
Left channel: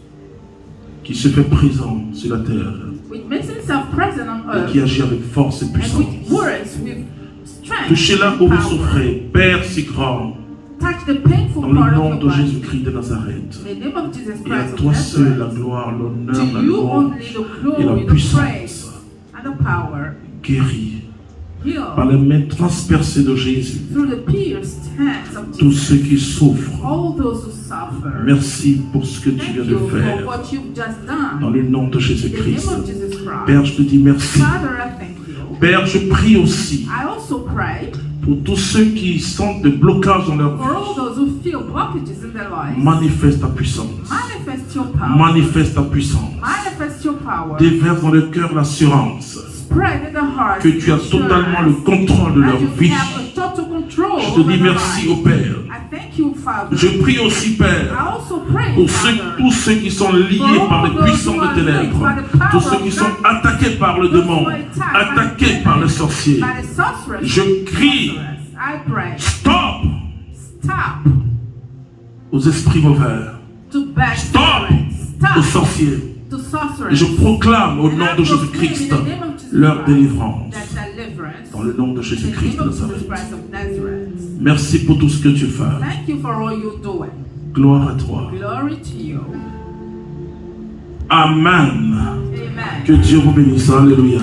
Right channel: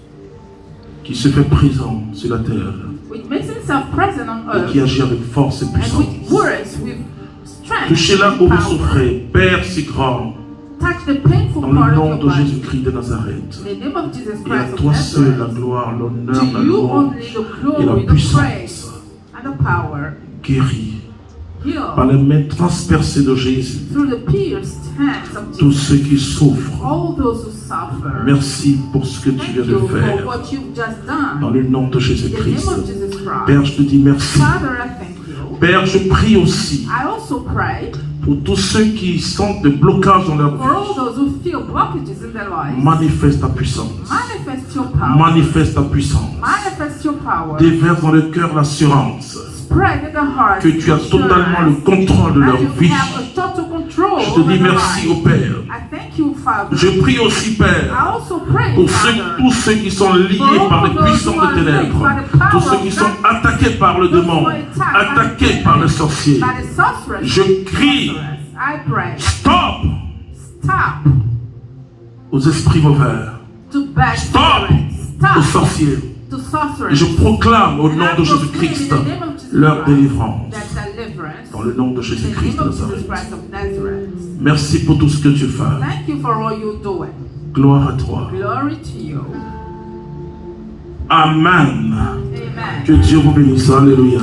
qui se fait présent sur la terre which makes himself present on et earth qui agit avec force et and which puissance. works with strength Touchez là and où vous power. souffrez, Père si grand, Touch the painful dans part le of nom your de body. Jésus-Christ de Nazareth. In the name of Jesus Et à Christ of toi seul la Nazareth, gloire, l'honneur, to la you louange only the et la glory, the puissance. praise, and the power. Guéris par Heal les mains transpercées de Jésus through the pierced hands of tous Jesus. ceux qui souffrent. All those who suffer. Merci pour ce que tu Thank viens de you for faire. what you've just Dans done. le nom de In the name Jésus-Christ. of Jesus Père, Christ. je te dis merci. Father, I thank you. Père, je prie aussi I also pray pour tous ceux qui sentent des blocages dans leur for all vie. those who feel blockages in their lives. Manifeste ta puissance. Manifest your power. Manifeste ta puissance. Manifest your power. Déverse dans le cœur l'assurance Spread in the heart. que tu as totalement le contrôle de And leur you vie. have a total control Je te over dis their merci lives. au Père. I thank you, Father. Je prie aussi, I Père, also pray, pour Father, tous ceux qui sont liés par les puissants de ténèbres, tous ceux qui sont attaqués par le démon, attaqués par le sorcier. by the sorceress. Je crie, I pray. stop Stop aux esprits mauvais, to bad stop spirits. aux Stop sorciers. to Et sorcerers. je proclame au nom And I de proclaim Jésus-Christ in the name of Jesus leur Christ délivrance. that deliverance. Dans le nom de In the Jésus-Christ name de of Jesus Nazareth. Christ of Nazareth. Merci pour tout ce que tu fais. Thank you for all you're doing. Gloire à toi. Glory to you. Amen. Amen. Que Dieu vous bénisse. Alléluia.